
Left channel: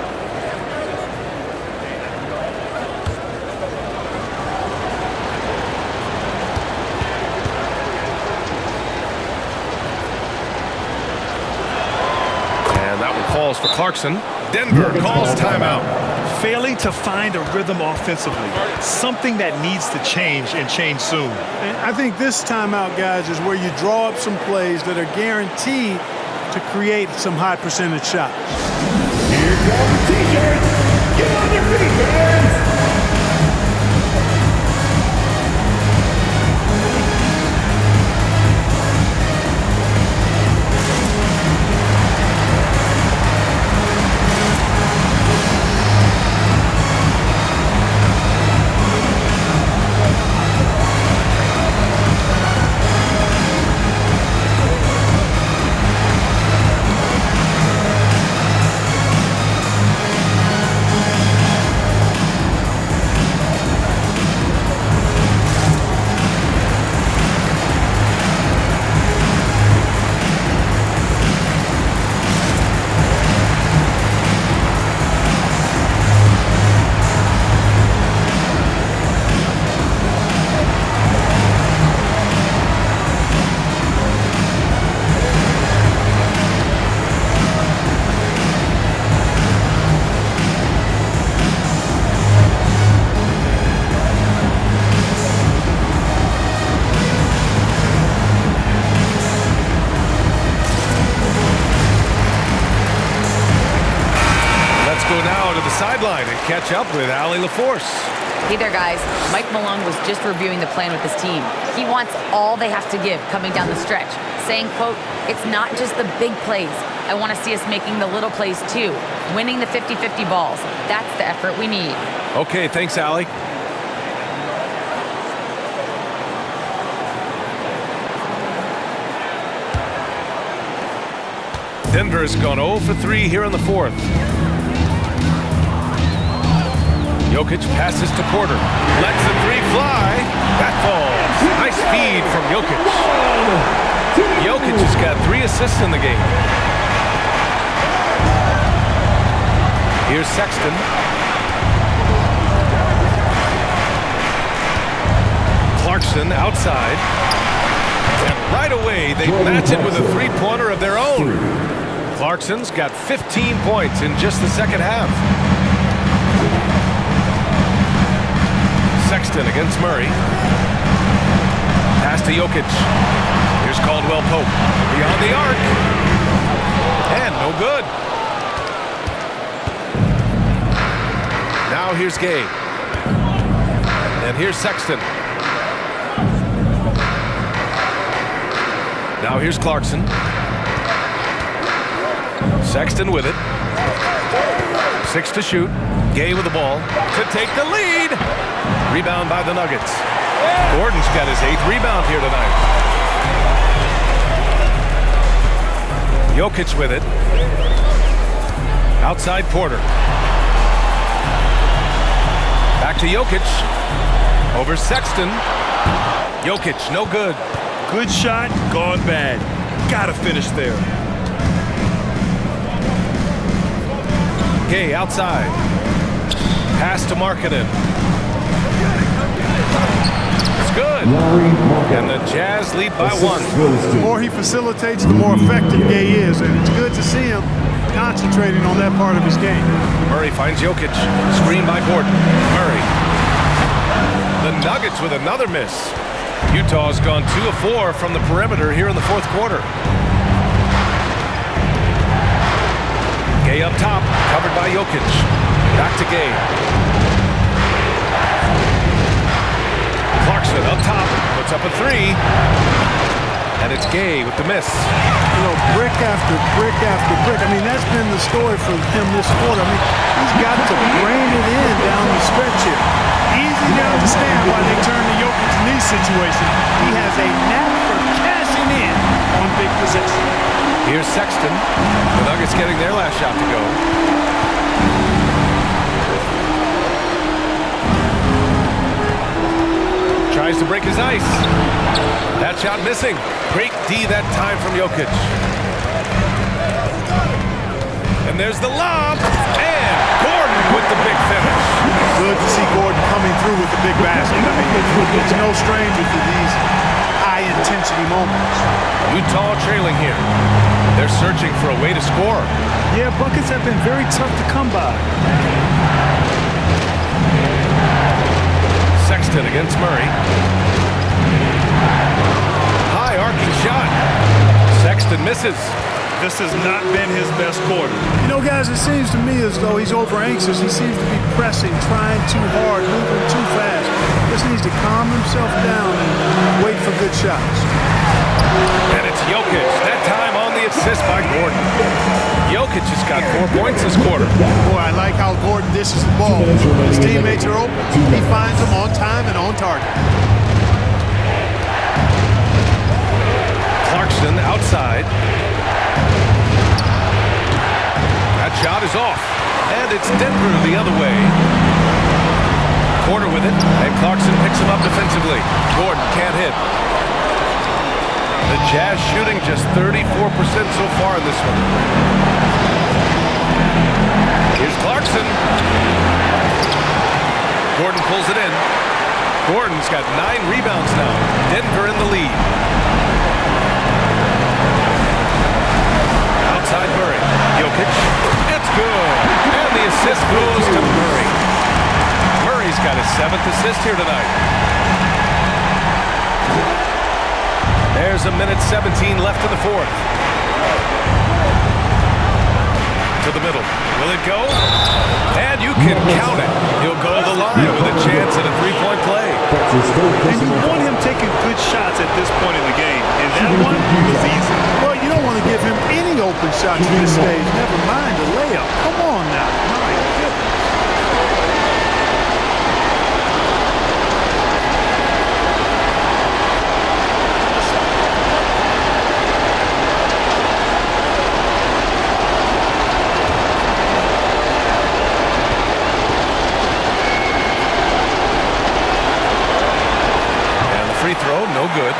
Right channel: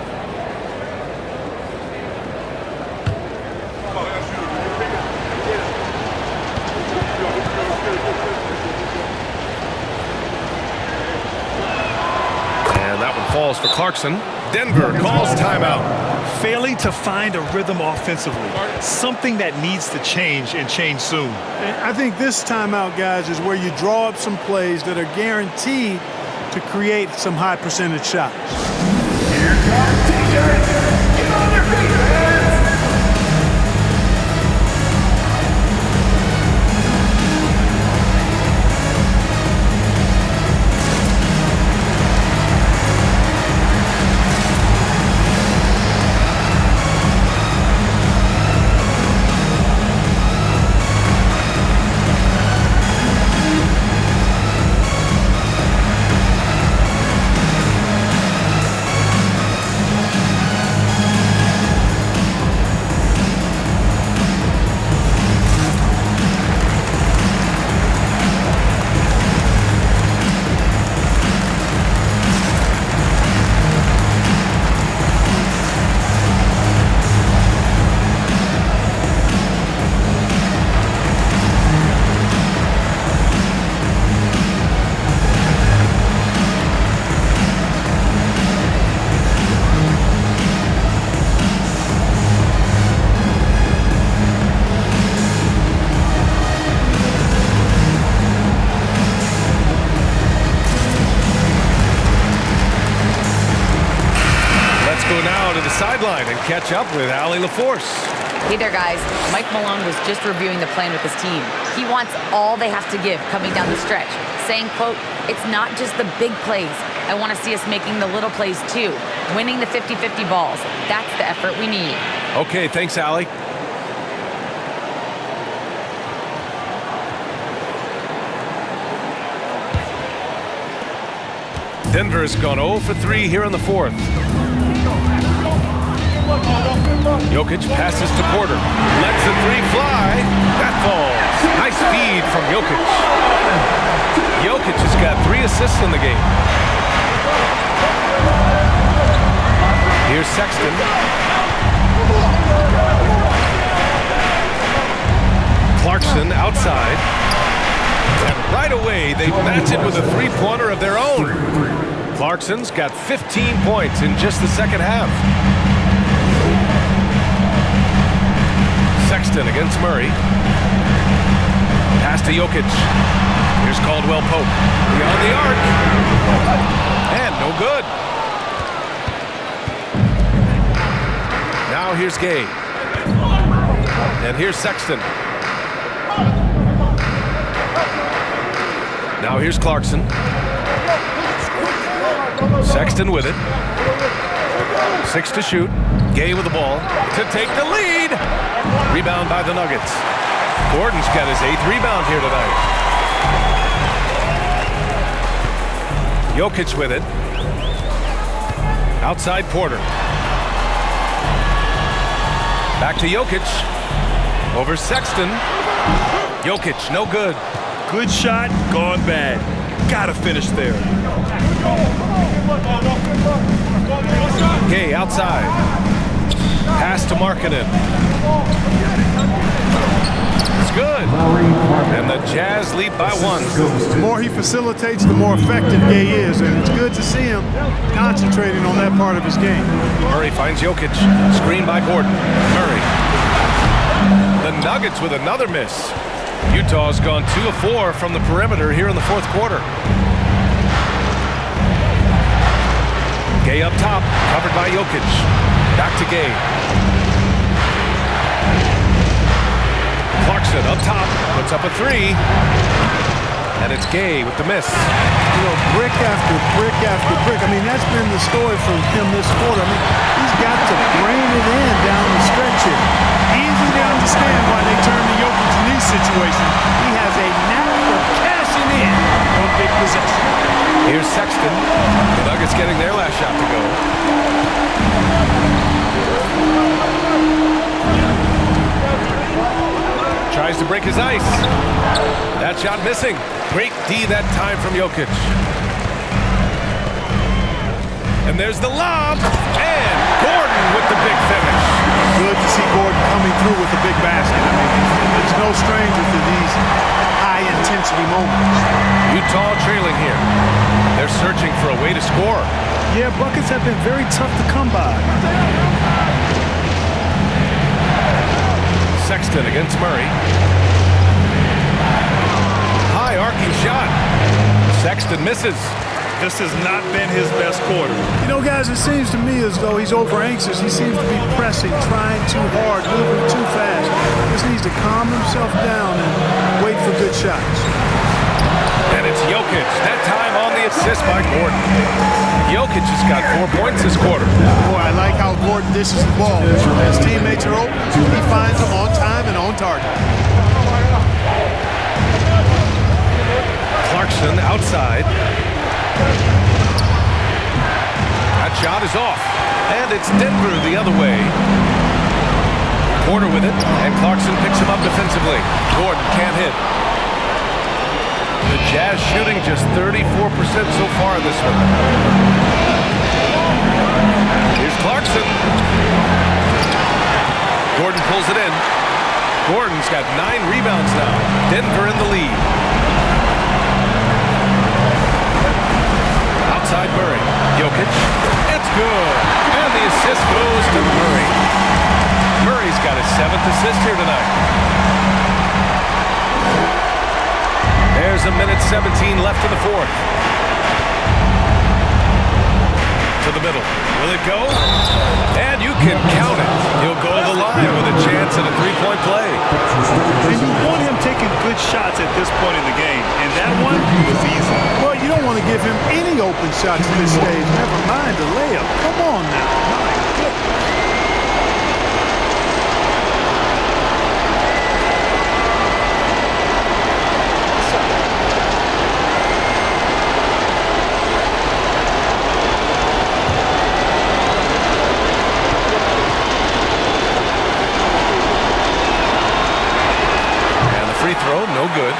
And that one falls for Clarkson. Denver calls timeout. Failing to find a rhythm offensively. Something that needs to change and change soon. And I think this timeout, guys, is where you draw up some plays that are guaranteed to create some high percentage shots. Here come the T-shirts. Get on your feet, fans. go now to the sideline and catch up with Allie LaForce. Hey there, guys. Mike Malone was just reviewing the plan with his team. He wants all they have to give coming down the stretch, saying, quote, "It's not just the big plays. I want to see us making the little plays too, winning the 50-50 balls. That's the effort we need." Okay, thanks, Allie. Denver's gone 0 for 3 here in the fourth. Jokic passes to Porter. Lets the three fly. That falls. Nice feed from Jokic. Jokic has got 3 assists in the game. Here's Sexton. Clarkson outside. And right away, they match it with a three-pointer of their own. Clarkson's got 15 points in just the second half. Sexton against Murray. Pass to Jokic. Here's Caldwell Pope. Beyond the arc. And no good. Now here's Gay. And here's Sexton. Now here's Clarkson. Sexton with it. 6 to shoot. Gay with the ball to take the lead. Rebound by the Nuggets. Gordon's got his 8th rebound here tonight. Jokic with it. Outside Porter. Back to Jokic. Over Sexton. Jokic, no good. Good shot, gone bad. Gotta finish there. Gay outside. Pass to Markkanen. It's good. And the Jazz lead by 1. The more he facilitates, the more effective Gay is, and it's good to see him concentrating on that part of his game. Murray finds Jokic. Screen by Gordon. Murray. The Nuggets with another miss. Utah's gone 2 of 4 from the perimeter here in the fourth quarter. Gay up top, covered by Jokic. Back to Gay. Clarkson up top, puts up a 3. And it's Gay with the miss. You know, brick after brick after brick. I mean, that's been the story for him this quarter. I mean, he's got to brain it in down the stretch here. Easy to understand why they turn to Jokic in these situations. He has a knack for cashing in on big possession. Here's Sexton. The Nuggets getting their last shot to go. Tries to break his ice. That shot missing. Great D that time from Jokic. And there's the lob. And Gordon with the big finish. Good to see Gordon coming through with a big basket. I mean, it's no stranger to these high-intensity moments. Utah trailing here. They're searching for a way to score. Yeah, buckets have been very tough to come by. Sexton against Murray. High arcing shot. Sexton misses. This has not been his best quarter. You know, guys, it seems to me as though he's over anxious. He seems to be pressing, trying too hard, moving too fast. Just needs to calm himself down and wait for good shots. And it's Jokic, that time on the assist by Gordon. Jokic has got 4 points this quarter. Boy, I like how Gordon dishes the ball. His teammates are open. He finds them on time and on target. Clarkson outside. That shot is off. And it's Denver the other way. Porter with it, and Clarkson picks him up defensively. Gordon can't hit. The Jazz shooting just 34% so far in this one. Here's Clarkson. Gordon pulls it in. Gordon's got 9 rebounds now. Denver in the lead. Outside Murray. Jokic. It's good. And the assist goes to Murray. Murray's got his 7th assist here tonight. There's a minute 17 left in the fourth. to the middle. Will it go? And you can count it. He'll go to the line with a chance at a three-point play. And you want him taking good shots at this point in the game, and that one was easy. Well, you don't want to give him any open shots at this stage, never mind a layup. Come on now. My goodness. Free throw, no good.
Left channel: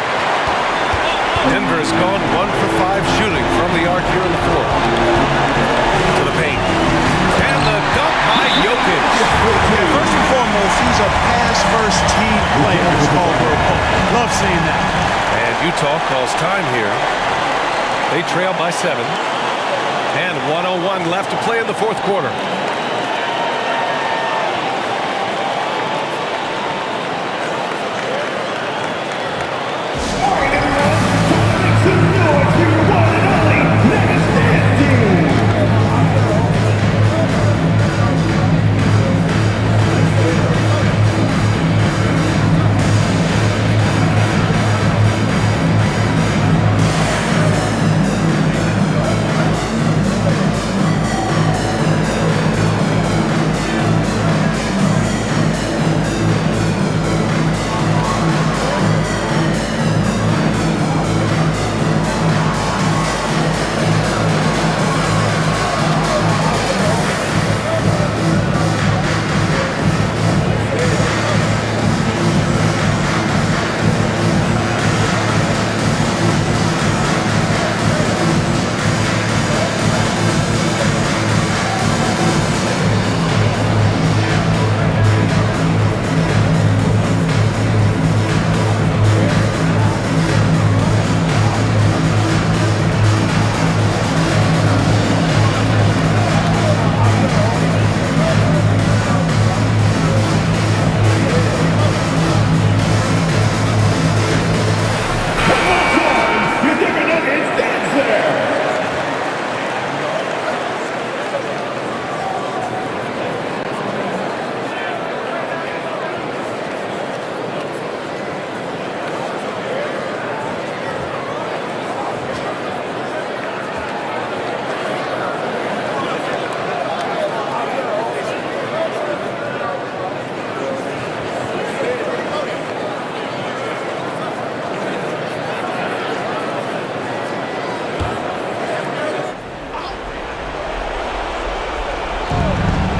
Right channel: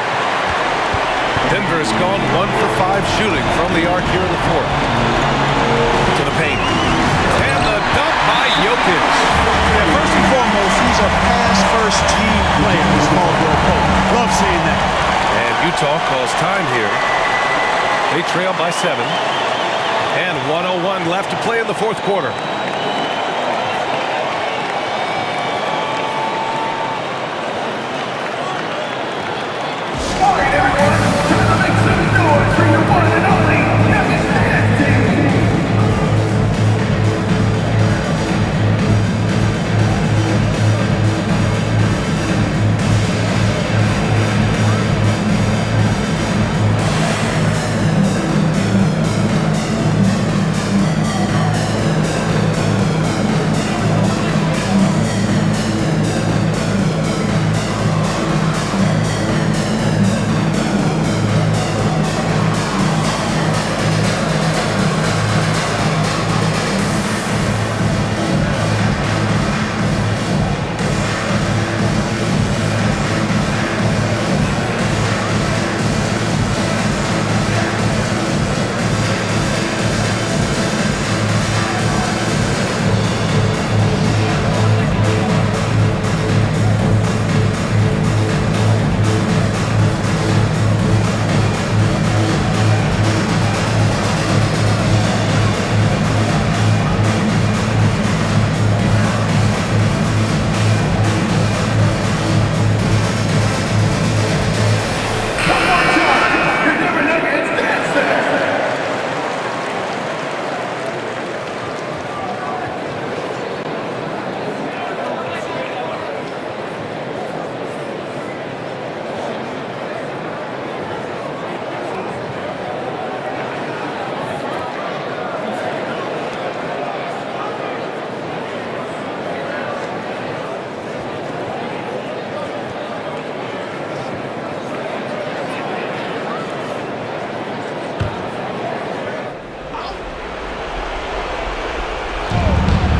Denver has gone 1 for 5 shooting from the arc here in the fourth. To the paint. And the dunk by Jokic. Yeah, first and foremost, he's a pass-first team player, as Caldwell Pope. Love seeing that. And Utah calls time here. They trail by 7. And 1:01 left to play in the fourth quarter. All right, everyone, time to make some noise for your one and only Nuggets dance team.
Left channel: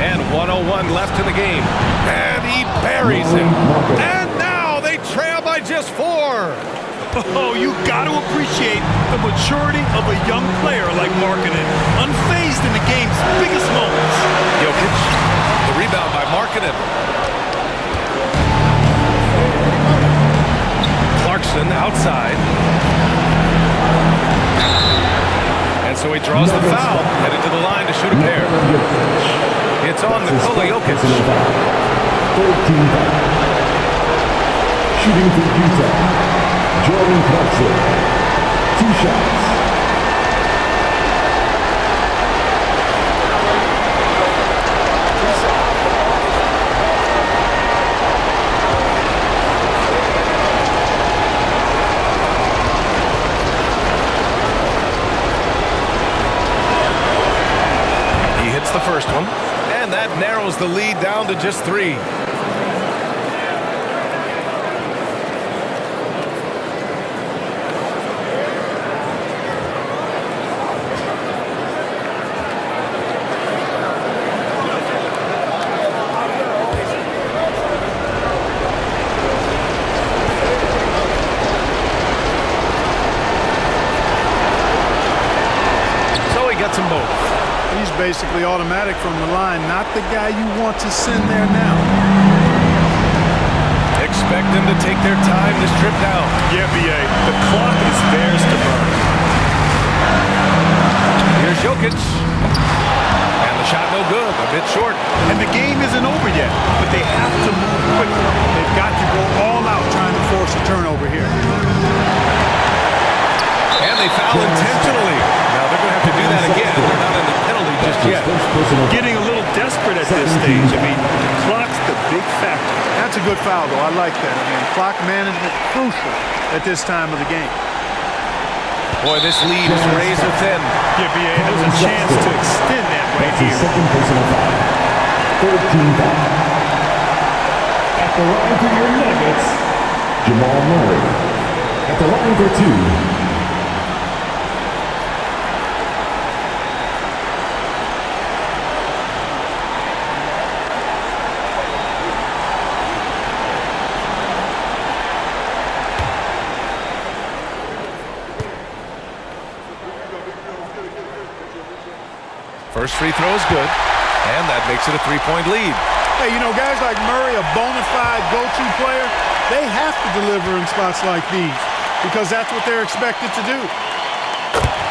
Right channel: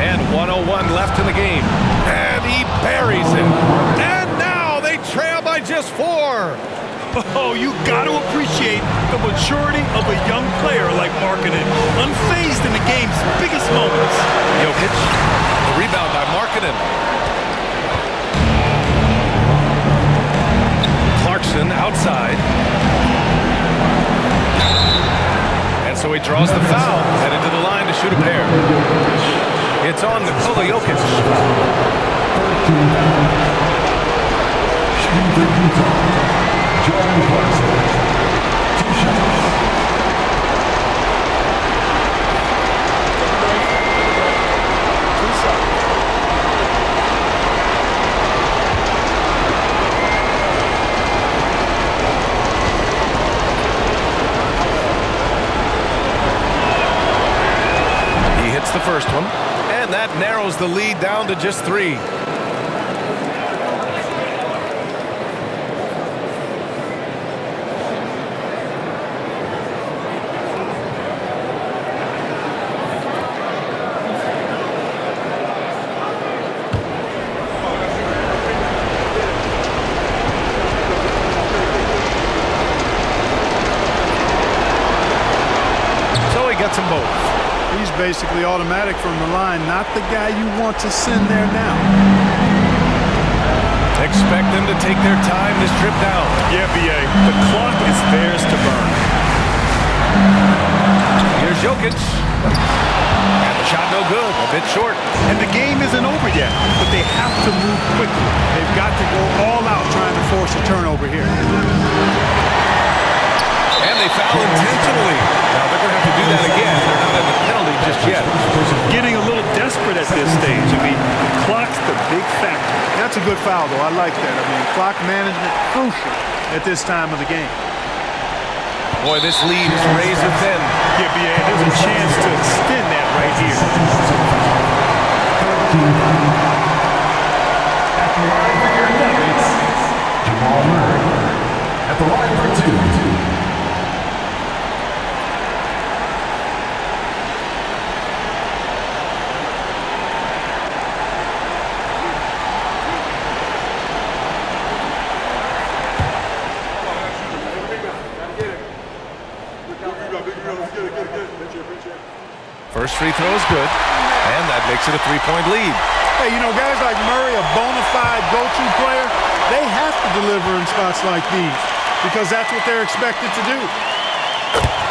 And 1:01 left in the game. And he buries it. And now they trail by just 4. Oh, you got to appreciate the maturity of a young player like Markkanen, unfazed in the game's biggest moments. Jokic, the rebound by Markkanen. Clarkson outside. And so he draws the foul, headed to the line to shoot a pair. It's on Nikola Jokic. 13 foul. Shooting for Utah, Jordan Clarkson. 2 shots. Take a break. 2 shots. He hits the first one, and that narrows the lead down to just 3. So he gets them both. He's basically automatic from the line, not the guy you want to send there now. Expect them to take their time this trip down. Yeah, B.A., the clock is theirs to burn. Here's Jokic. And the shot no good, a bit short. And the game isn't over yet, but they have to move quickly. They've got to go all out trying to force a turnover here. And they foul intentionally. Now they're going to have to do that again. They're not in the penalty just yet. Getting a little desperate at this stage. I mean, the clock's the big factor. That's a good foul, though. I like that. I mean, clock management crucial at this time of the game. Boy, this lead is razor thin. Yeah, B.A., there's a chance to extend that right here. Third team foul. At the line for your Nuggets, Jamal Murray. At the line for 2. First free throw is good, and that makes it a 3-point lead. Hey, you know, guys like Murray, a bona fide go-to player, they have to deliver in spots like these because that's what they're expected to do.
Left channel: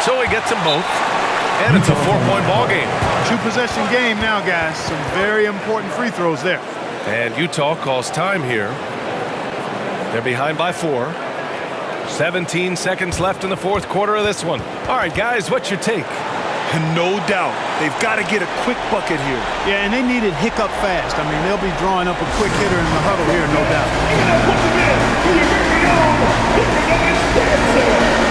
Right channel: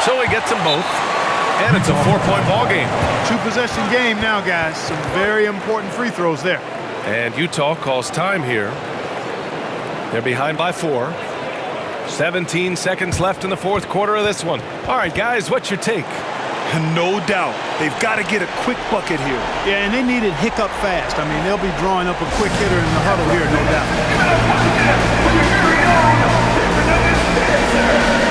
So he gets them both, and it's a 4-point ball game. 2-possession game now, guys. Some very important free throws there. And Utah calls time here. They're behind by 4. 17 seconds left in the fourth quarter of this one. All right, guys, what's your take? No doubt. They've got to get a quick bucket here. Yeah, and they need it hiccup fast. I mean, they'll be drawing up a quick hitter in the huddle here, no doubt. Give it up once again for your very own Denver Nuggets dancer.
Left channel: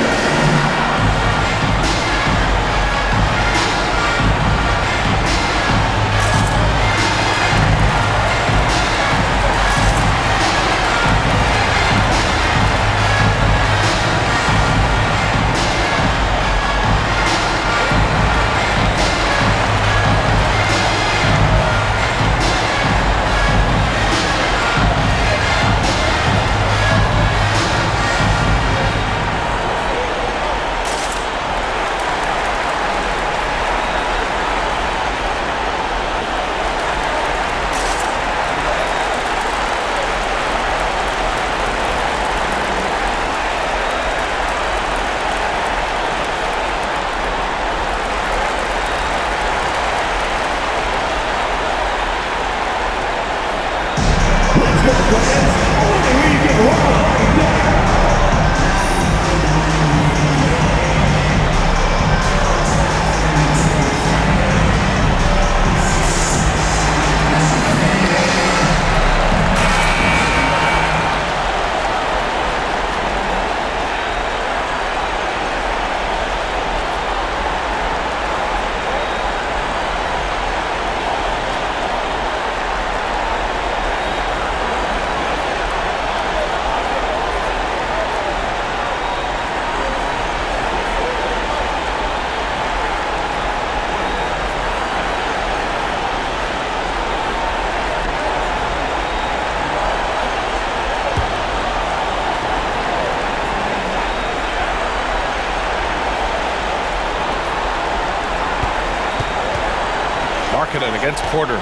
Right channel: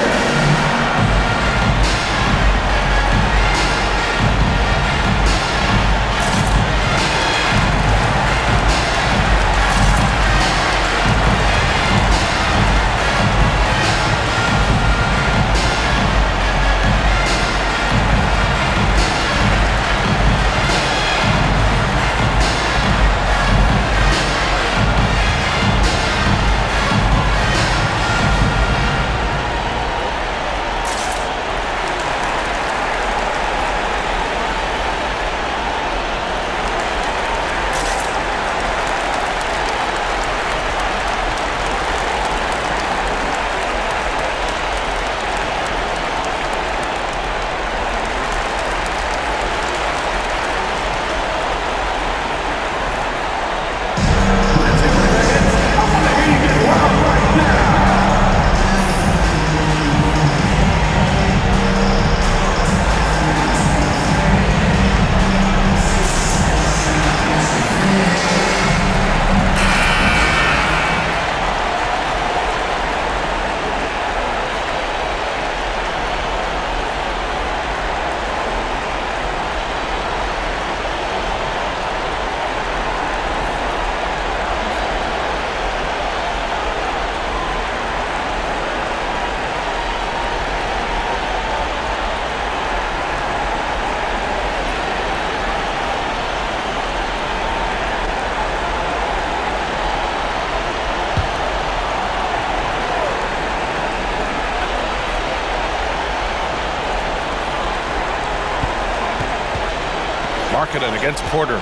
Markkanen against Porter.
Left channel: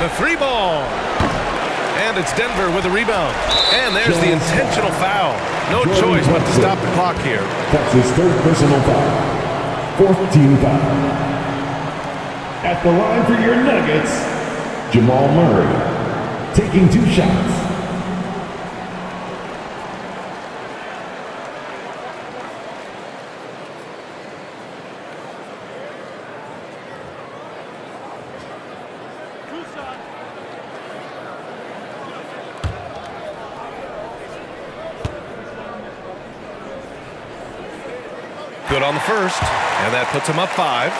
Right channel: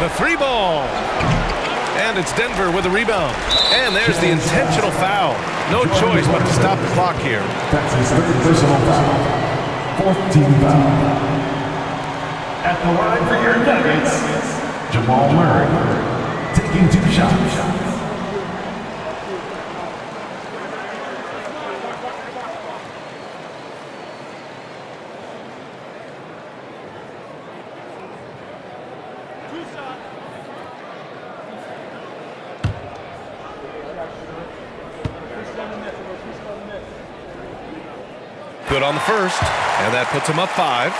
The 3 ball. And it's Denver with a rebound. And there's the intentional foul. No choice but to stop the clock here. That's his 3rd personal foul. 4th team foul. At the line for your Nuggets, Jamal Murray. Taking 2 shots. Good on the first, and that puts him up 5.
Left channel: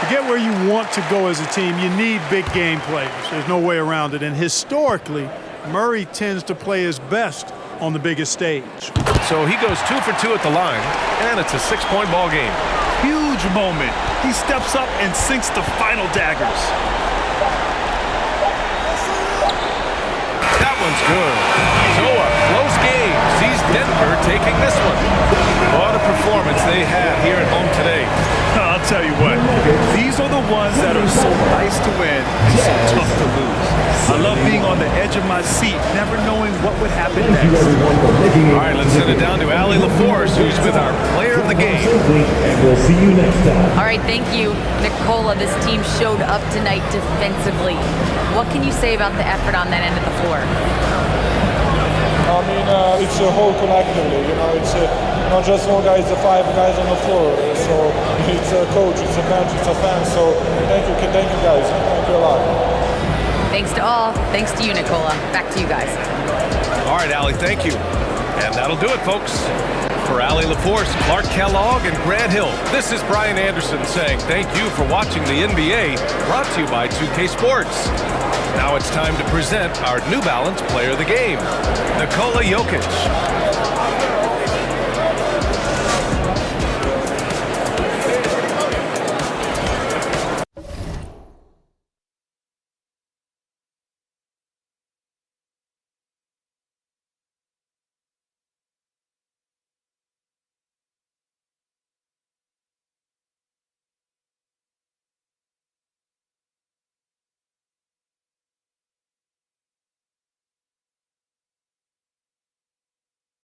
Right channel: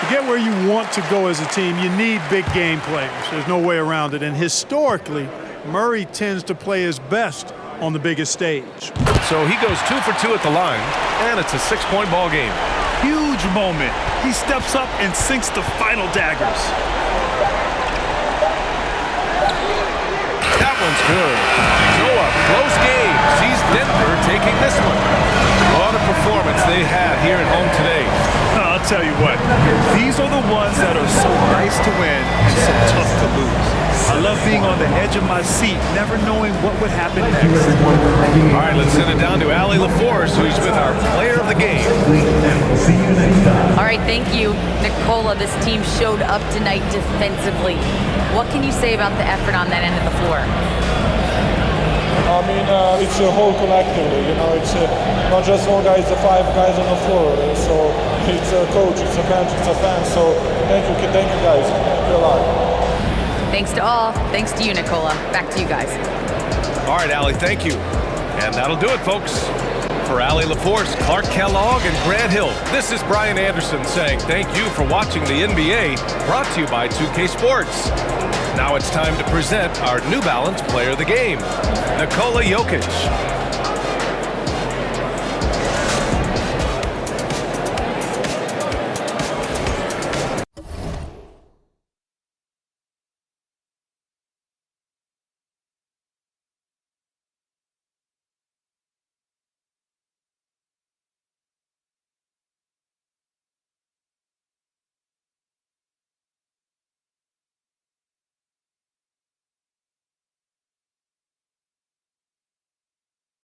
To get where you want to go as a team, you need big game players. There's no way around it. And historically, Murray tends to play his best on the biggest stage. So he goes 2 for 2 at the line, and it's a 6-point ball game. Huge moment. He steps up and sinks the final daggers. That one's good. So a close game sees Denver taking this one. What a performance they had here at home today. I'll tell you what, these are the ones that are so nice to win and so tough to lose. I love being on the edge of my seat, never knowing what would happen next. All right, let's send it down to Allie LaForce, who's with our player of the game. And we'll see you next time. All right, thank you, Nicola. This team showed up tonight defensively. What can you say about the effort on that end of the floor? I mean, it's a whole collectively, you know, it's not just one guy, it's the 5 guys on the floor. So it's a coach, it's a bench, it's a fan. So thank you guys. Thank you a lot. Thanks to all. Thanks to you, Nicola. Back to you guys. All right, Allie, thank you. And that'll do it, folks. For Allie LaForce, Clark Kellogg, and Grant Hill, this is Brian Anderson saying thank you for watching the NBA, brought to you by 2K Sports. Now it's time to present our New Balance Player of the Game, Nikola Jokic.